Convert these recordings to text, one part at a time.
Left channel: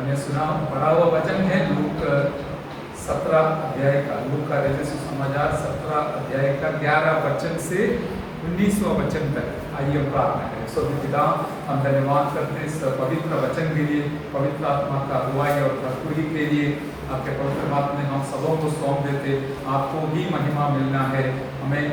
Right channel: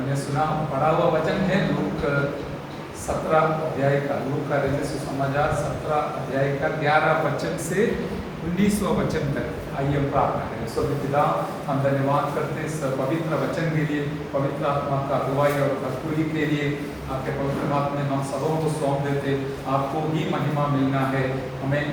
हमने सुना पढ़ा हुआ वचन है लूक 17 अध्याय का, लूक का समाचार 17 अध्याय का 11 वचन से 19वां वचन तक। आइए हम प्रार्थना करें। पिता, हम धन्यवाद करते हैं इस पवित्र वचन के लिए, पवित्र आत्मा का अगुवाई और भरपूरी के लिए। आपके पवित्र आत्मा में हम सबों को सौंप देते, आपको ही महिमा मिलना है। हमें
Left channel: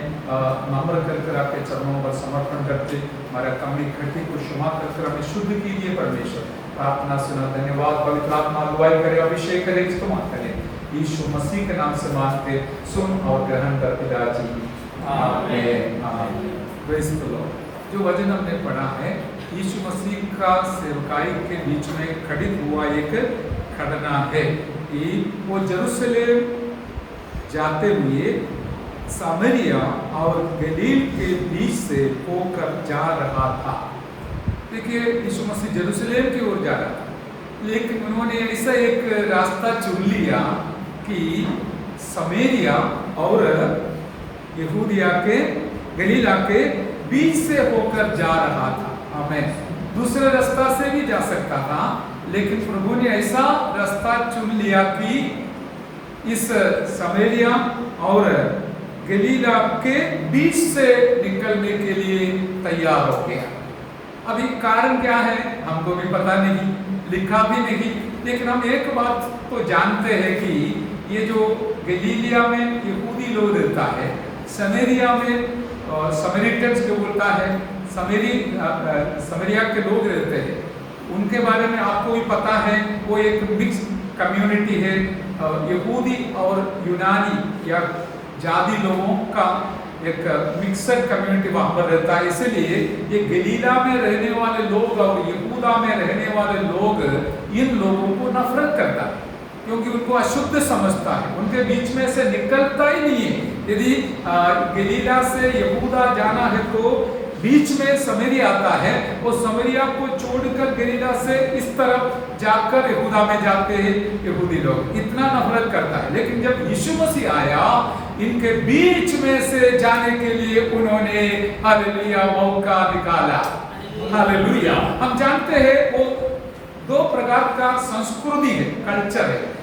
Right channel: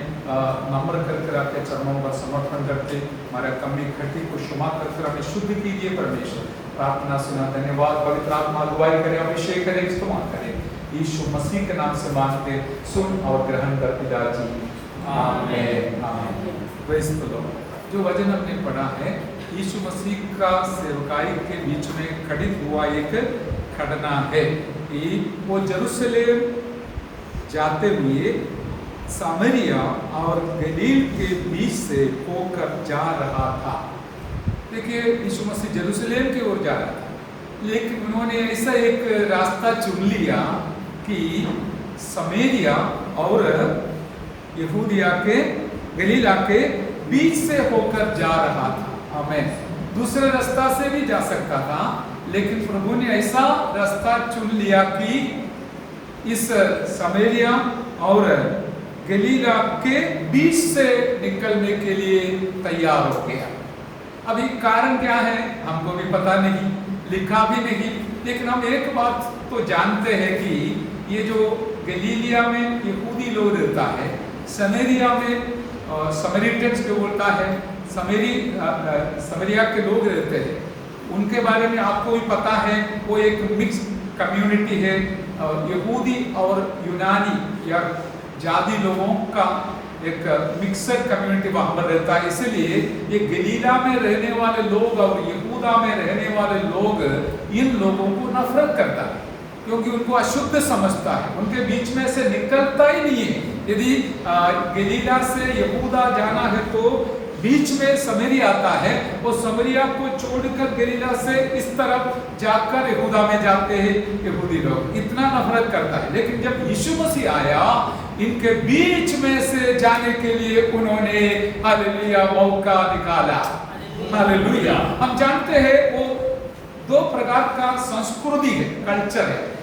नम्र कर आपके चरणों पर समर्पण करते, हमारा कमी खट्टी को क्षमा कर हमें शुद्ध कीजिए परमेश्वर। प्रार्थना सुना, धन्यवाद। पवित्र आत्मा अगुवाई करे, अभिषेक करे, इस्तेमाल करे। यीशु मसीह के नाम से मांगते, सुन और ग्रहण कर पिताजी, आमीन आमीन। Praise the Lord. जो वचन हमने पढ़ा है, यीशु मसीह का सेवकाई के बीच में खड़ित हुआ एक घटना है कि वो यरूशलेम जाते हुए सामरिया और गलील के बीच से होकर जा रहा था। देखिए, यीशु मसीह यरूशलेम की ओर जा रहा था, लेकिन उन्होंने ऐसा एक रास्ता चुन लिया कि सामरिया और यहूदिया के गलीला के बीच से होकर जा रहा था। आमीन। दूसरे रास्ता से भी जा सकता था, लेकिन प्रभु ने ऐसा रास्ता चुन लिया कि इस सामरिया और गलीला के बीच से निकलने के लिए तैयार हो गया। अभी कारण क्या है हमको भी पता नहीं, लिखा भी नहीं, लेकिन हम एक बात तो जानते हैं कि ये जो गलीलिया में यहूदी लोग रहता है, सामरिया में समरीटन्स जो बोलता है, समरिया के लोग रहते हैं, उनके बारे में आपको भी पता है। वो एक मिक्स कम्युनिटी है, यहूदी और यूनानी या जादी लोगों का एक मिक्सड कम्युनिटी वहां पर रहता है। इसलिए ये गलीला में रहने वाले लोग और यहूदा में रहने वाले लोग इन लोगों को नफरत करता है, क्योंकि उनको अशुद्ध समझता है, उनके बीच में से निकलता ही नहीं है। यदि गलीला से यहूदा जाना है तो बीच में सामरिया आता है, वो सामरिया को छोड़कर गलीला से इस तरफ जाकर यहूदा में जाते हैं यहूदी लोग, इतना नफरत करता है। लेकिन जब यीशु मसीह आया, इनके बीच में से जाने के लिए उन्होंने हालेलुया मौका निकाला। हालेलुया। हम जानते हैं वो दो प्रकार का संस्कृति है, कल्चर है।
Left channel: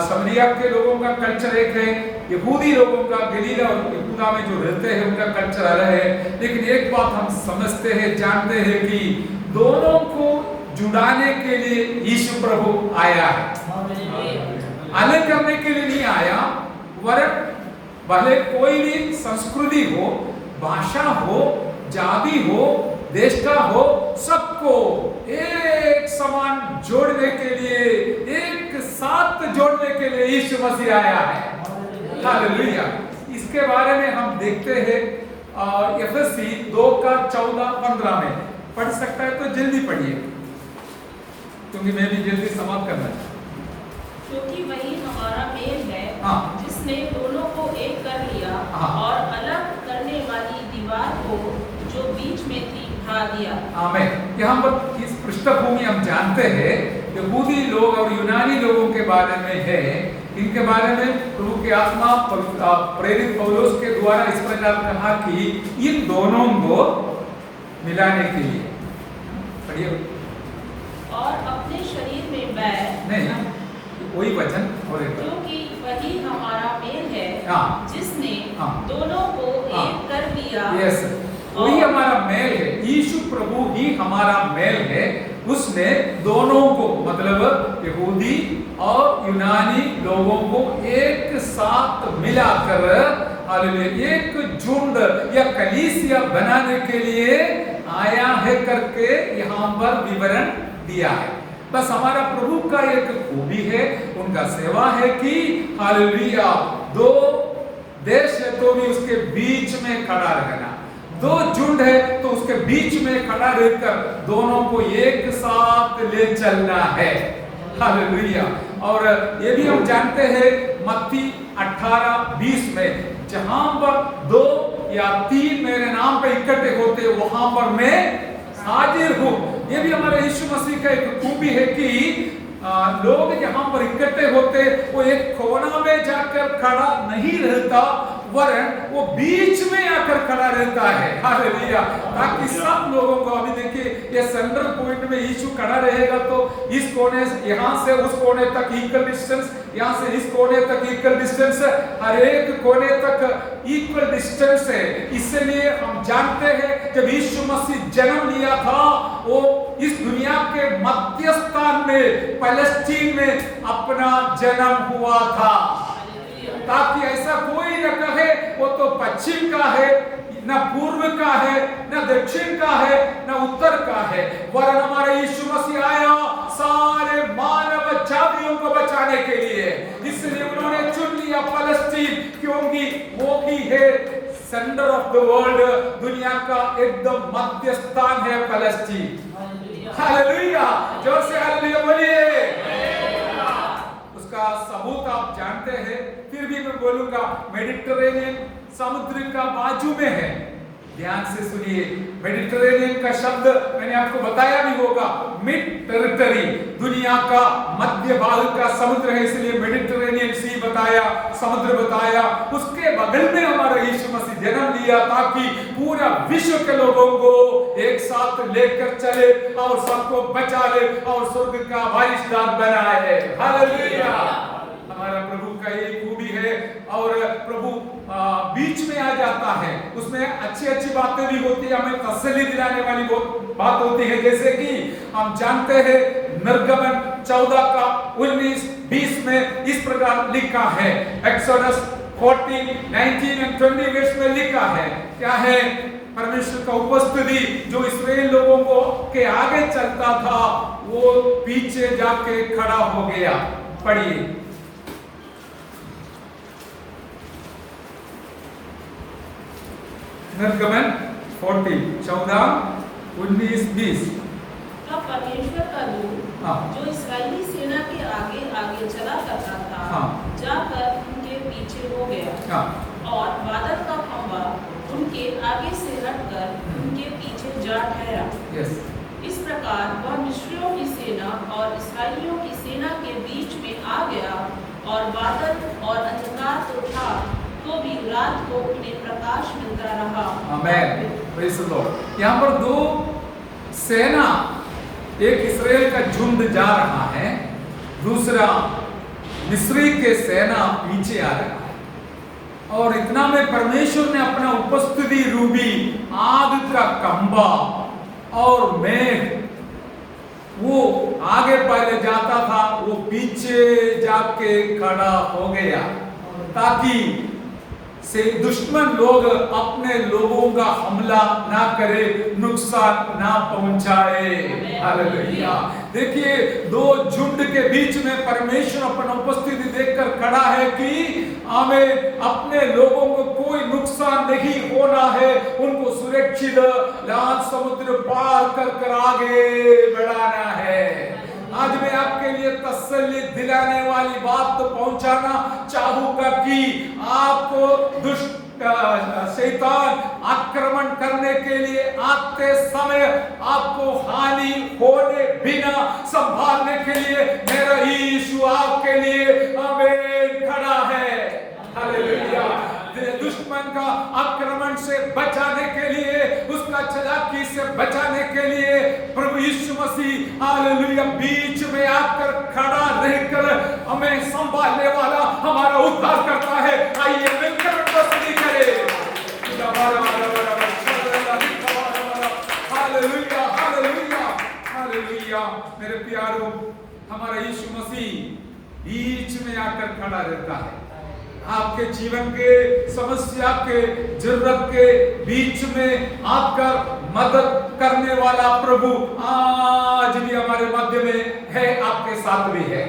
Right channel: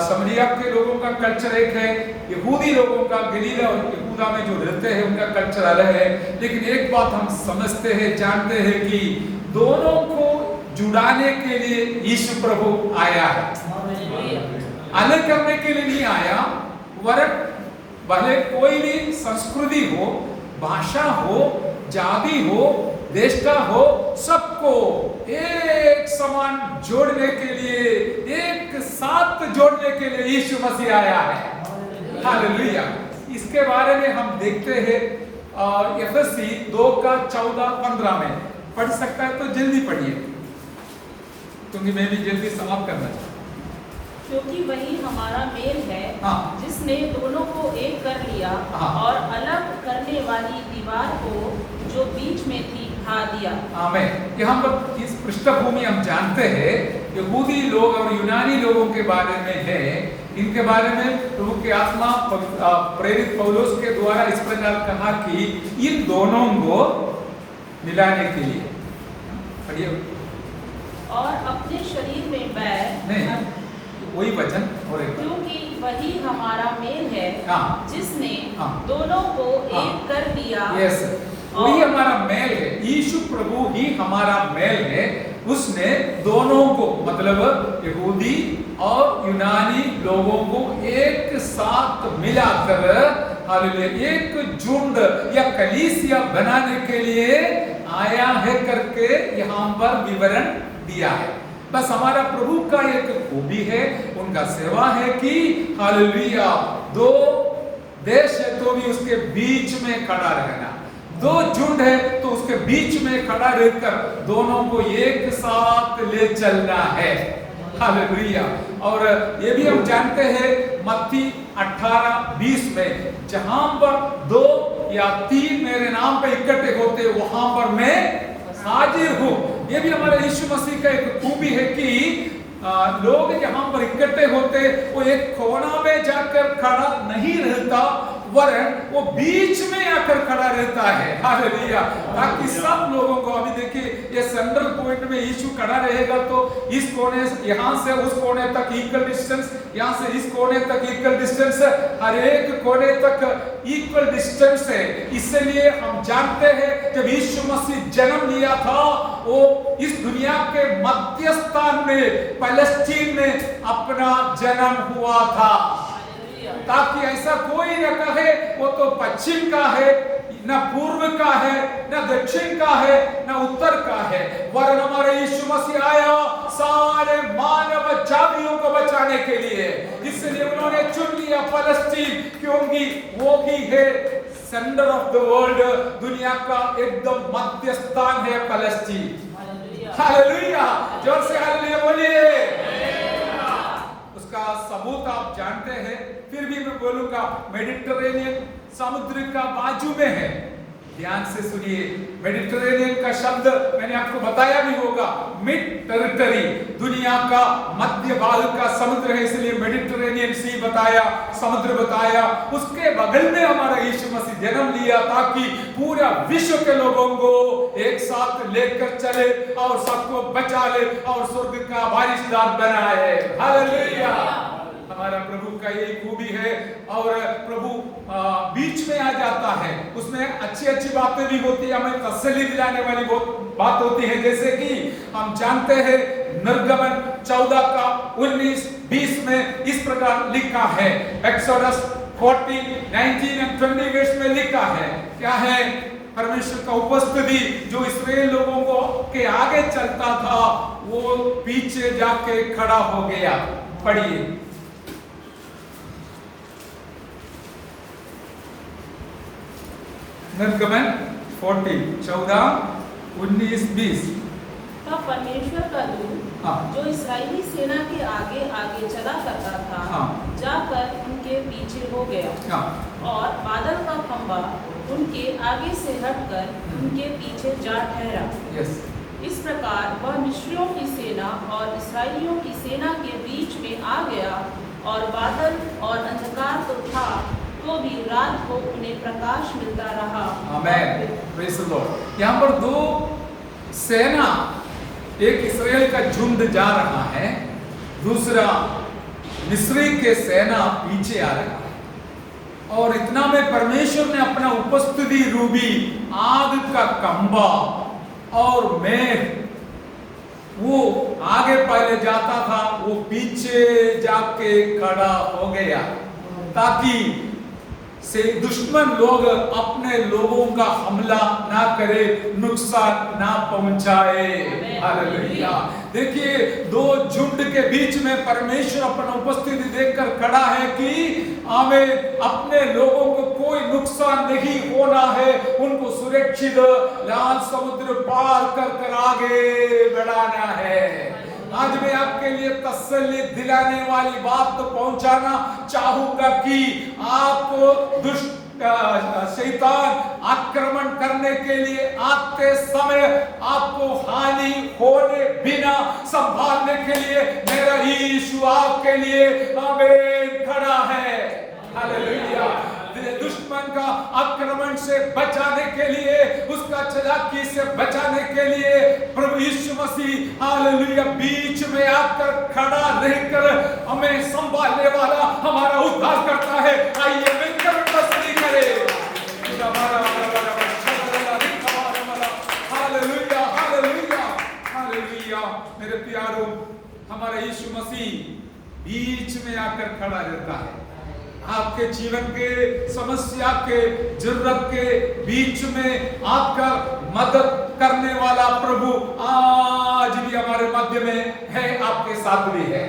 सामरिया के लोगों का कल्चर एक है, यहूदी लोगों का गलीला और यहूदा में जो रहते हैं उनका कल्चर अलग है। लेकिन एक बात हम समझते हैं, जानते हैं कि दोनों को जुड़ाने के लिए यीशु प्रभु आया है, अलग करने के लिए नहीं आया। वरक भले कोई भी संस्कृति हो, भाषा हो, जाति हो, देश का हो, सबको एक समान जोड़ने के लिए, एक साथ जोड़ने के लिए यीशु मसीह आया है। हालेलुया। इसके बारे में हम देखते हैं एफएससी 2:14-15 में। पढ़ सकता है तो जल्दी पढ़िए, क्योंकि मैं भी जल्दी समाप्त करना चाहता हूँ। क्योंकि वही हमारा मेल है, जिसने दोनों को एक कर लिया और अलग करने वाली दीवार को जो बीच में थी हटा दिया। आमीन। यहाँ पर इस पृष्ठभूमि हम जानते हैं, यहूदी लोग और यूनानी लोगों के बारे में है। इनके बारे में प्रभु की आत्मा प्रेरित पौलुस के द्वारा इस प्रकार कहा कि इन दोनों को मिलाने के लिए, पढ़िए, और अपने शरीर में बैठ, नहीं वही वचन और एक, क्योंकि वही हमारा मेल है, जिसने दोनों को एक कर दिया। यस, वही हमारा मेल है। यीशु प्रभु ही हमारा मेल है। उसने दोनों को, मतलब यहूदी और यूनानी लोगों को एक साथ मिलाकर हालेलुया एक झुंड या कलीसिया बनाने के लिए आया है करके यहाँ पर विवरण दिया है। बस हमारा प्रभु का एक खूबी है, उनका सेवा है कि हालेलुया दो देश है तो भी उसके बीच में खड़ा रहना, दो झुंड है तो उसके बीच में खड़ा रहकर दोनों को एक साथ ले चलना है। हालेलुया। और ये भी हम जानते हैं मत्ती 18:20 में, जहां पर 2 या 3 मेरे नाम पे इकट्ठे होते वहां पर मैं हाजिर हूं। ये भी हमारे यीशु मसीह का एक खूबी है कि लोग जहां पर इकट्ठे होते वो एक कोना में जाकर खड़ा नहीं रहता, वरन वो बीच में आकर खड़ा रहता है, हालेलुया, ताकि सब लोगों को, अभी देखिए ये सेंट्रल पॉइंट में यीशु खड़ा रहेगा तो इस कोने यहां से उस कोने तक इक्वल डिस्टेंस, यहां से इस कोने तक इक्वल डिस्टेंस, हर एक कोने तक इक्वल डिस्टेंस है। इसलिए हम जानते हैं जब यीशु मसीह जन्म लिया था वो इस दुनिया के मध्य स्थान में पैलेस्टीन में अपना जन्म हुआ था, ताकि ऐसा कोई न कहे वो तो पश्चिम का है, न पूर्व का है, न दक्षिण का है, न उत्तर का है, वरन हमारे यीशु मसीह आया सारे मानव जातियों को बचाने के लिए। इसलिए उन्होंने चुन लिया पैलेस्टीन, क्योंकि वो ही है सेंटर ऑफ द वर्ल्ड, दुनिया का एकदम मध्य स्थान है पैलेस्टीन। हालेलुया, जोर से हालेलुया बोलिए। उसका सबूत आप जानते हैं, फिर भी मैं बोलूंगा, मेडिटेरेनियन समुद्र का बाजू में है। ध्यान से सुनिए, मेडिटेरेनियन का शब्द मैंने आपको बताया भी होगा, मिड टेरिटरी, दुनिया का मध्य भाग का समुद्र है, इसलिए मेडिटेरेनियन सी बताया, समुद्र बताया। उसके बगल में हमारा यीशु मसीह जन्म लिया ताकि पूरा विश्व के लोगों को एक साथ लेकर चले और सबको बचा ले और स्वर्ग का वारिसदार बनाए। हालेलुया, हमारा प्रभु का यही खूबी है। और प्रभु बीच में आ जाता है, उसमें अच्छी अच्छी बातें भी होती है, हमें तसल्ली दिलाने वाली बात होती है। जैसे कि हम जानते हैं निर्गमन 14 का 19-20 में इस प्रकार लिखा है, एक्सोडस 14, 19 और 20 वर्ष में लिखा है, क्या है? परमेश्वर का उपस्थिति जो इस्राएल लोगों को के आगे चलता था वो पीछे जाके खड़ा हो गया। पढ़िए, निर्गमन 14, 14, 19, 20। तब परमेश्वर का दूत जो इस्राएली सेना के आगे आगे चला करता था जाकर उनके पीछे हो गया और बादल का खंभा उनके आगे से हटकर उनके पीछे जा ठहरा। इस प्रकार वह मिस्रियों की सेना और इस्राएलियों की सेना के बीच में आ गया और बादल और अंधकार तो था तो भी रात को उन्हें प्रकाश मिलता रहा। आमेन, प्रेज़ द लॉर्ड। यहाँ पर दो सेना, एक इस्राएल का झुंड जा रहा है, दूसरा मिस्री के सेना पीछे आ रहा है। और इतना में परमेश्वर ने अपना उपस्थिति रूपी आग का खंभा और मेघ, वो आगे पहले जाता था, वो पीछे जाके खड़ा हो गया ताकि से दुश्मन लोग अपने लोगों का हमला ना करे, नुकसान ना पहुंचाए। हालेलुया, देखिए दो झुंड के बीच में परमेश्वर अपना उपस्थिति देखकर खड़ा है कि हमें अपने लोगों को कोई नुकसान नहीं होना है, उनको सुरक्षित लाल समुद्र पार कर आगे बढ़ाना है। आज मैं आपके लिए तसल्ली दिलाने वाली बात तो पहुंचाना चाहूंगा कि आपको दुष्ट शैतान आक्रमण करने के लिए आते समय आपको हानि होने बिना संभालने के लिए मेरा यीशु आपके लिए आमीन खड़ा है। हालेलुया, दुश्मन का आक्रमण से बचाने के लिए, उसका चालाकी से बचाने के लिए प्रभु यीशु मसीह हालेलुया बीच में आकर खड़ा रहकर हमें संभालने वाला हमारा उद्धार करता है। आइए मिलकर तस्वीर करें। Hallelujah, hallelujah, hallelujah. मेरे प्यारों, हमारा यीशु मसीह बीच में आकर खड़ा रहता है। आपके जीवन के समस्या के जरूरत के बीच में आपका मदद करने वाला प्रभु आज भी हमारे मध्य में है, आपके साथ भी है।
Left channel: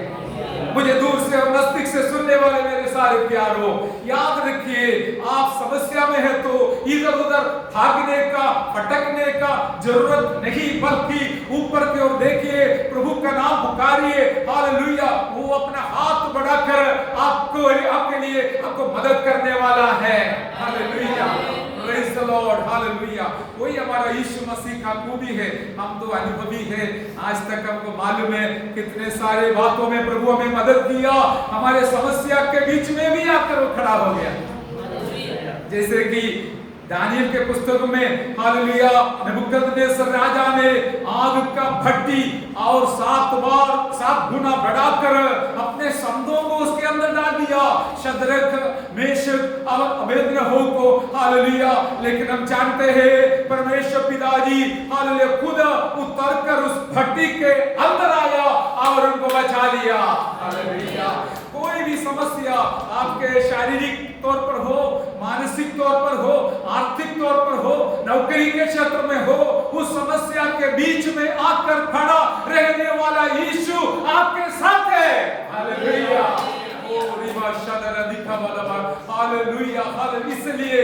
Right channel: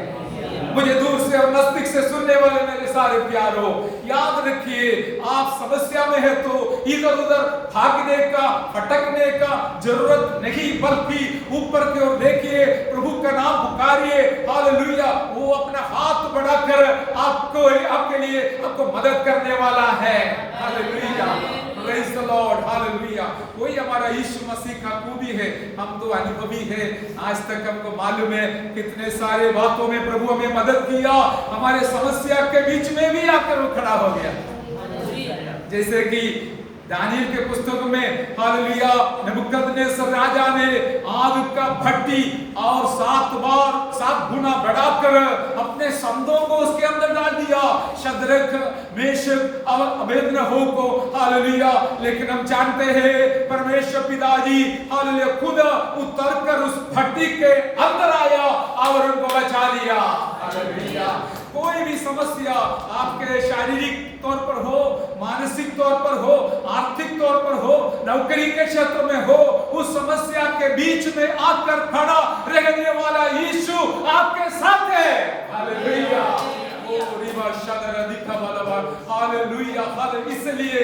मुझे दूर से और नजदीक से सुनने वाले मेरे सारे प्यारों, याद रखिए, आप समस्या में है तो इधर उधर भागने का, भटकने का जरूरत नहीं, बल्कि ऊपर की ओर देखिए, प्रभु का नाम पुकारिए। हालेलुया, वो अपना हाथ बढ़ाकर आपको, आपके लिए, आपको मदद करने वाला है। Hallelujah, praise the Lord, hallelujah. वही हमारा यीशु मसीह का खूबी है। हम तो अनुभवी है, आज तक हमको मालूम है कितने सारे बातों में प्रभु हमें मदद किया, हमारे समस्या के बीच में भी आकर वो खड़ा हो गया। जैसे कि दानियल के पुस्तक में हालेलुया नबूकदनेस्सर राजा ने आग का भट्टी और 7 गुना बढ़ाकर अपने संदों को उसके अंदर डाल दिया, शद्रक मेशक और अबेदनगो को हालेलुया। लेकिन हम जानते हैं परमेश्वर पिताजी हालेलुया खुद उतरकर उस भट्टी के अंदर आया और उनको बचा लिया। हालेलुया। कोई भी समस्या आपके शारीरिक तौर पर हो, मानसिक तौर पर हो, आर्थिक तौर पर हो, नौकरी के क्षेत्र में हो, उस समस्या के बीच में आकर खड़ा रहने वाला यीशु आपके साथ है। हालेलुया। ओ रिवा शदर दिखा वाला हालेलुया। हालेलुया। इसलिए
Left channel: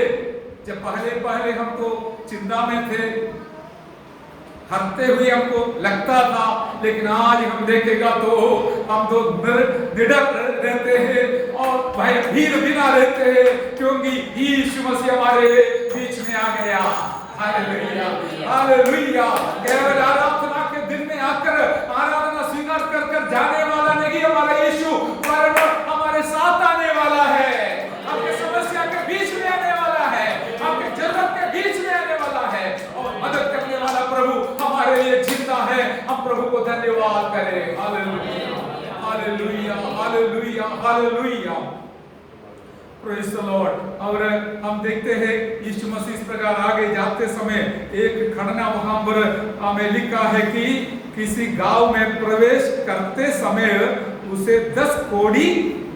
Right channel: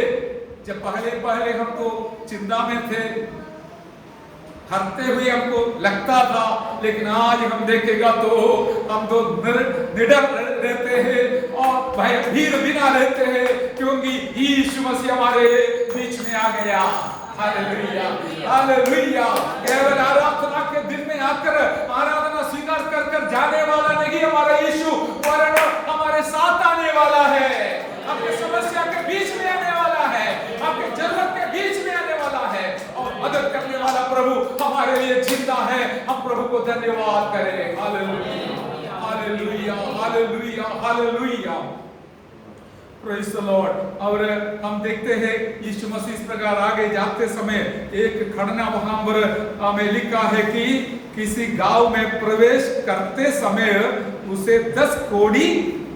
जब पहले हम तो चिंता में थे, हरते हुए हमको लगता था, लेकिन आज हम देखेगा तो हम तो निडर रहते हैं और भयभीत भी ना रहते हैं, क्योंकि यीशु मसीह हमारे बीच में आ गया। हालेलुया। हालेलुया। केवल आराधना के दिन में आकर आराधना स्वीकार कर जाने वाला नहीं हमारा यीशु, वरन हमारे साथ आने वाला है, आपके समस्या के बीच में आने वाला है, आपके जरूरत के बीच में आने वाला है और मदद करने वाला प्रभु हमारे लिए जिंदा है। हम प्रभु को धन्यवाद करें। Hallelujah. Hallelujah. Hallelujah. Hallelujah. Praise the Lord. और हम देखते हैं यीशु मसीह इस प्रकार आगे जाते समय एक खड़ना वहां पर हमें लिखा है कि किसी गांव में प्रवेश करते समय उसे 10 कोड़ी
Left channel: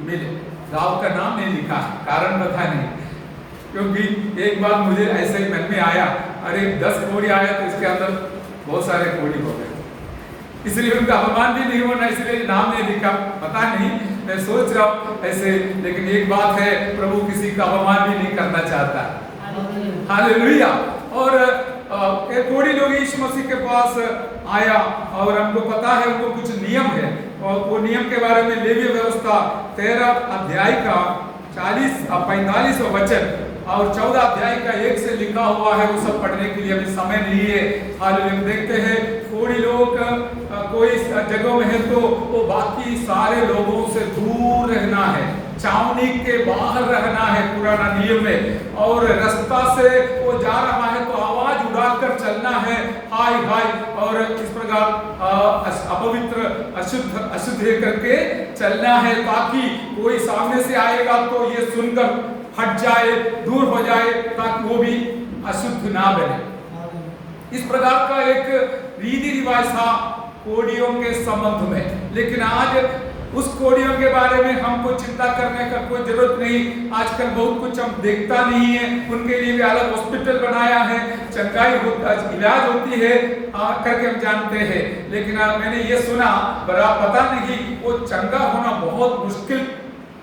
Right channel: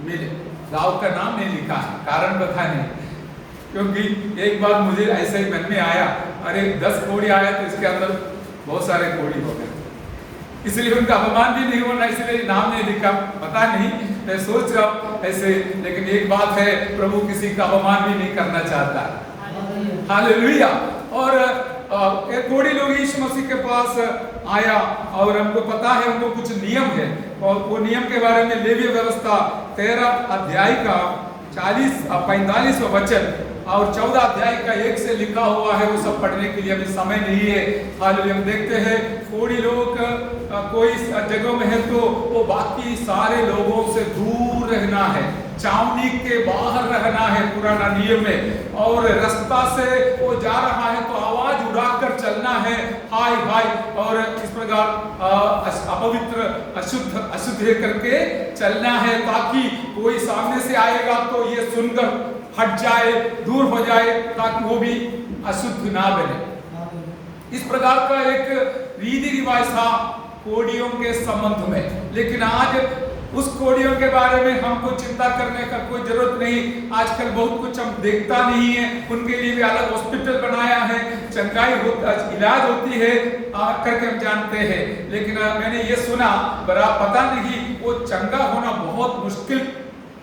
मिले। गांव का नाम नहीं लिखा है, कारण बता नहीं, क्योंकि एक बार मुझे ऐसे ही मन में आया, अरे 10 कोड़ी आया तो इसके अंदर बहुत सारे कोड़ी हो गए, इसलिए उनका अपमान भी नहीं होना, इसलिए नाम नहीं लिखा। पता नहीं, मैं सोच रहा हूँ ऐसे, लेकिन एक बात है, प्रभु किसी का अपमान भी नहीं करना चाहता। हालेलुया। और एक कोड़ी लोग यीशु मसीह के पास आया और हमको पता है उनको कुछ नियम है, और वो नियम के बारे में लेवी व्यवस्था 13 अध्याय का 45वां वचन और 14 अध्याय का 1 से लिखा हुआ है, वो सब पढ़ने के लिए अभी समय नहीं है। हालेलुया। हम देखते हैं कोई लोग कोई जगह में है तो वो बाकी सारे लोगों से दूर रहना है, छावनी के बाहर रहना है, पुराना नियम में, और रास्ता से वो जा रहा है तो आवाज उड़ाकर चलना है, हाय हाय, और इस प्रकार अपवित्र अशुद्ध करके चलना है, ताकि कोई सामने से आएगा तो ये सुनकर हट जाए, दूर हो जाए, ताकि वो भी अशुद्ध ना बने। इस प्रकार का एक रीति रिवाज था कोड़ियों के संबंध में। लेकिन आज उस कोड़ियों के बारे में हमको चिंता करने का कोई जरूरत नहीं। आजकल बहुत कुछ हम देखता नहीं है, उनके लिए भी अलग हॉस्पिटल बनाया है, चंगाई इलाज होती है करके हम जानते हैं। लेकिन मैंने ये सुना, बड़ा पता नहीं, वो चंगा होना बहुत मुश्किल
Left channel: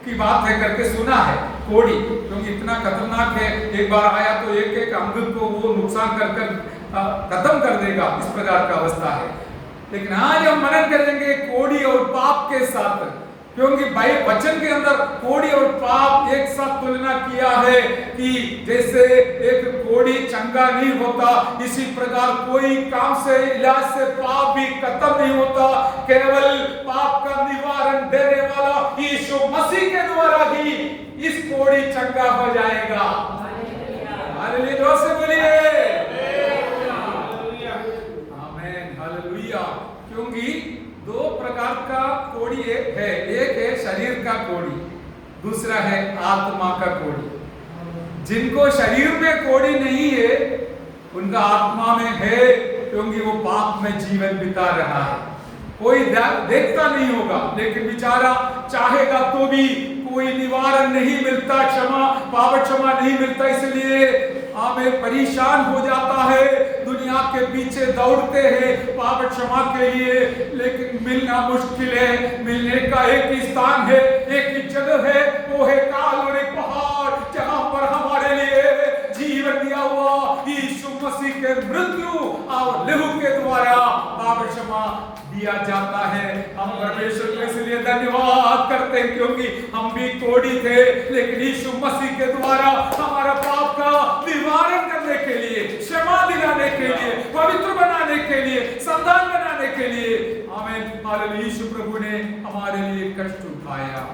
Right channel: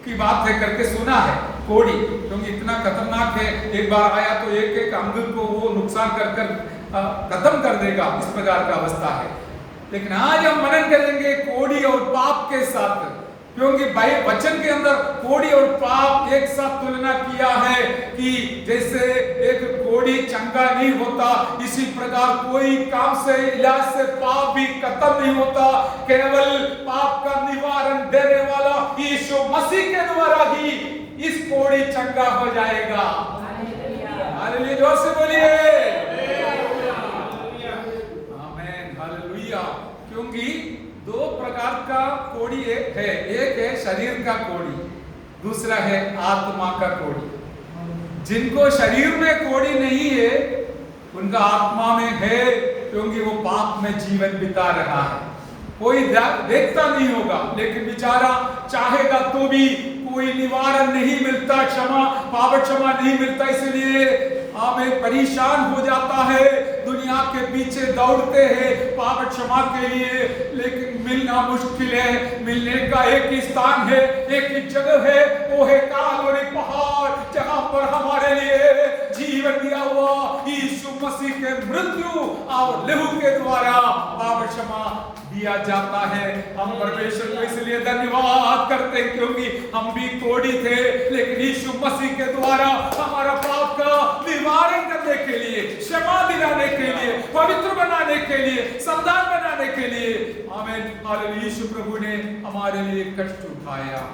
की बात है करके सुना है कोड़ी, क्योंकि इतना खतरनाक है, एक बार आया तो एक अंग को वो नुकसान कर खत्म कर देगा, इस प्रकार का अवस्था है। लेकिन आज हम मनन करेंगे कोड़ी और पाप के साथ, क्योंकि वचन के अंदर कोड़ी और पाप एक साथ तुलना किया है कि जैसे एक कोड़ी चंगा नहीं होता, इसी प्रकार कोई काम से इलाज से पाप भी खत्म नहीं होता। केवल पाप का निवारण देने वाला यीशु मसीह के द्वारा ही इस कोड़ी चंगा हो जाएगा। हालेलुया। जोर से बोलिए आमीन। हालेलुया। क्योंकि 2 प्रकार का कोड़ी है, एक है शरीर का कोड़ी, दूसरा है आत्मा का कोड़ी। जिनको शरीर में कोड़ी नहीं है उनका आत्मा में है, क्योंकि वो पाप में जीवन बिता रहा है। कोई देखता नहीं होगा, लेकिन बेचारा चाहेगा तो भी कोई निवारण नहीं मिलता, पाप क्षमा नहीं मिलता, इसलिए हमें परेशान हो जाता है, दुनिया के पीछे दौड़ते हैं पाप क्षमा के लिए, लेकिन मिलना मुश्किल है। मिलने का एक ही स्थान है, एक ही जगह है, वो है कालवरी पहाड़, जहां पर हमारे लिए जीवन दिया हुआ यीशु मसीह के मृत्यु और लहू के द्वारा पाप क्षमा दिया जाता है। हम परमेश्वर को इसलिए धन्यवाद करते हैं, क्योंकि हम भी कोड़ी थे, लेकिन यीशु मसीह के द्वारा हमारा पाप का निवारण करने के लिए, क्षमा दिलाने के लिए, पवित्र बनाने के लिए, संतान बनाने के लिए, आमीन। हालेलुया। यीशु प्रभु ने हमारे लिए कष्ट उठाया।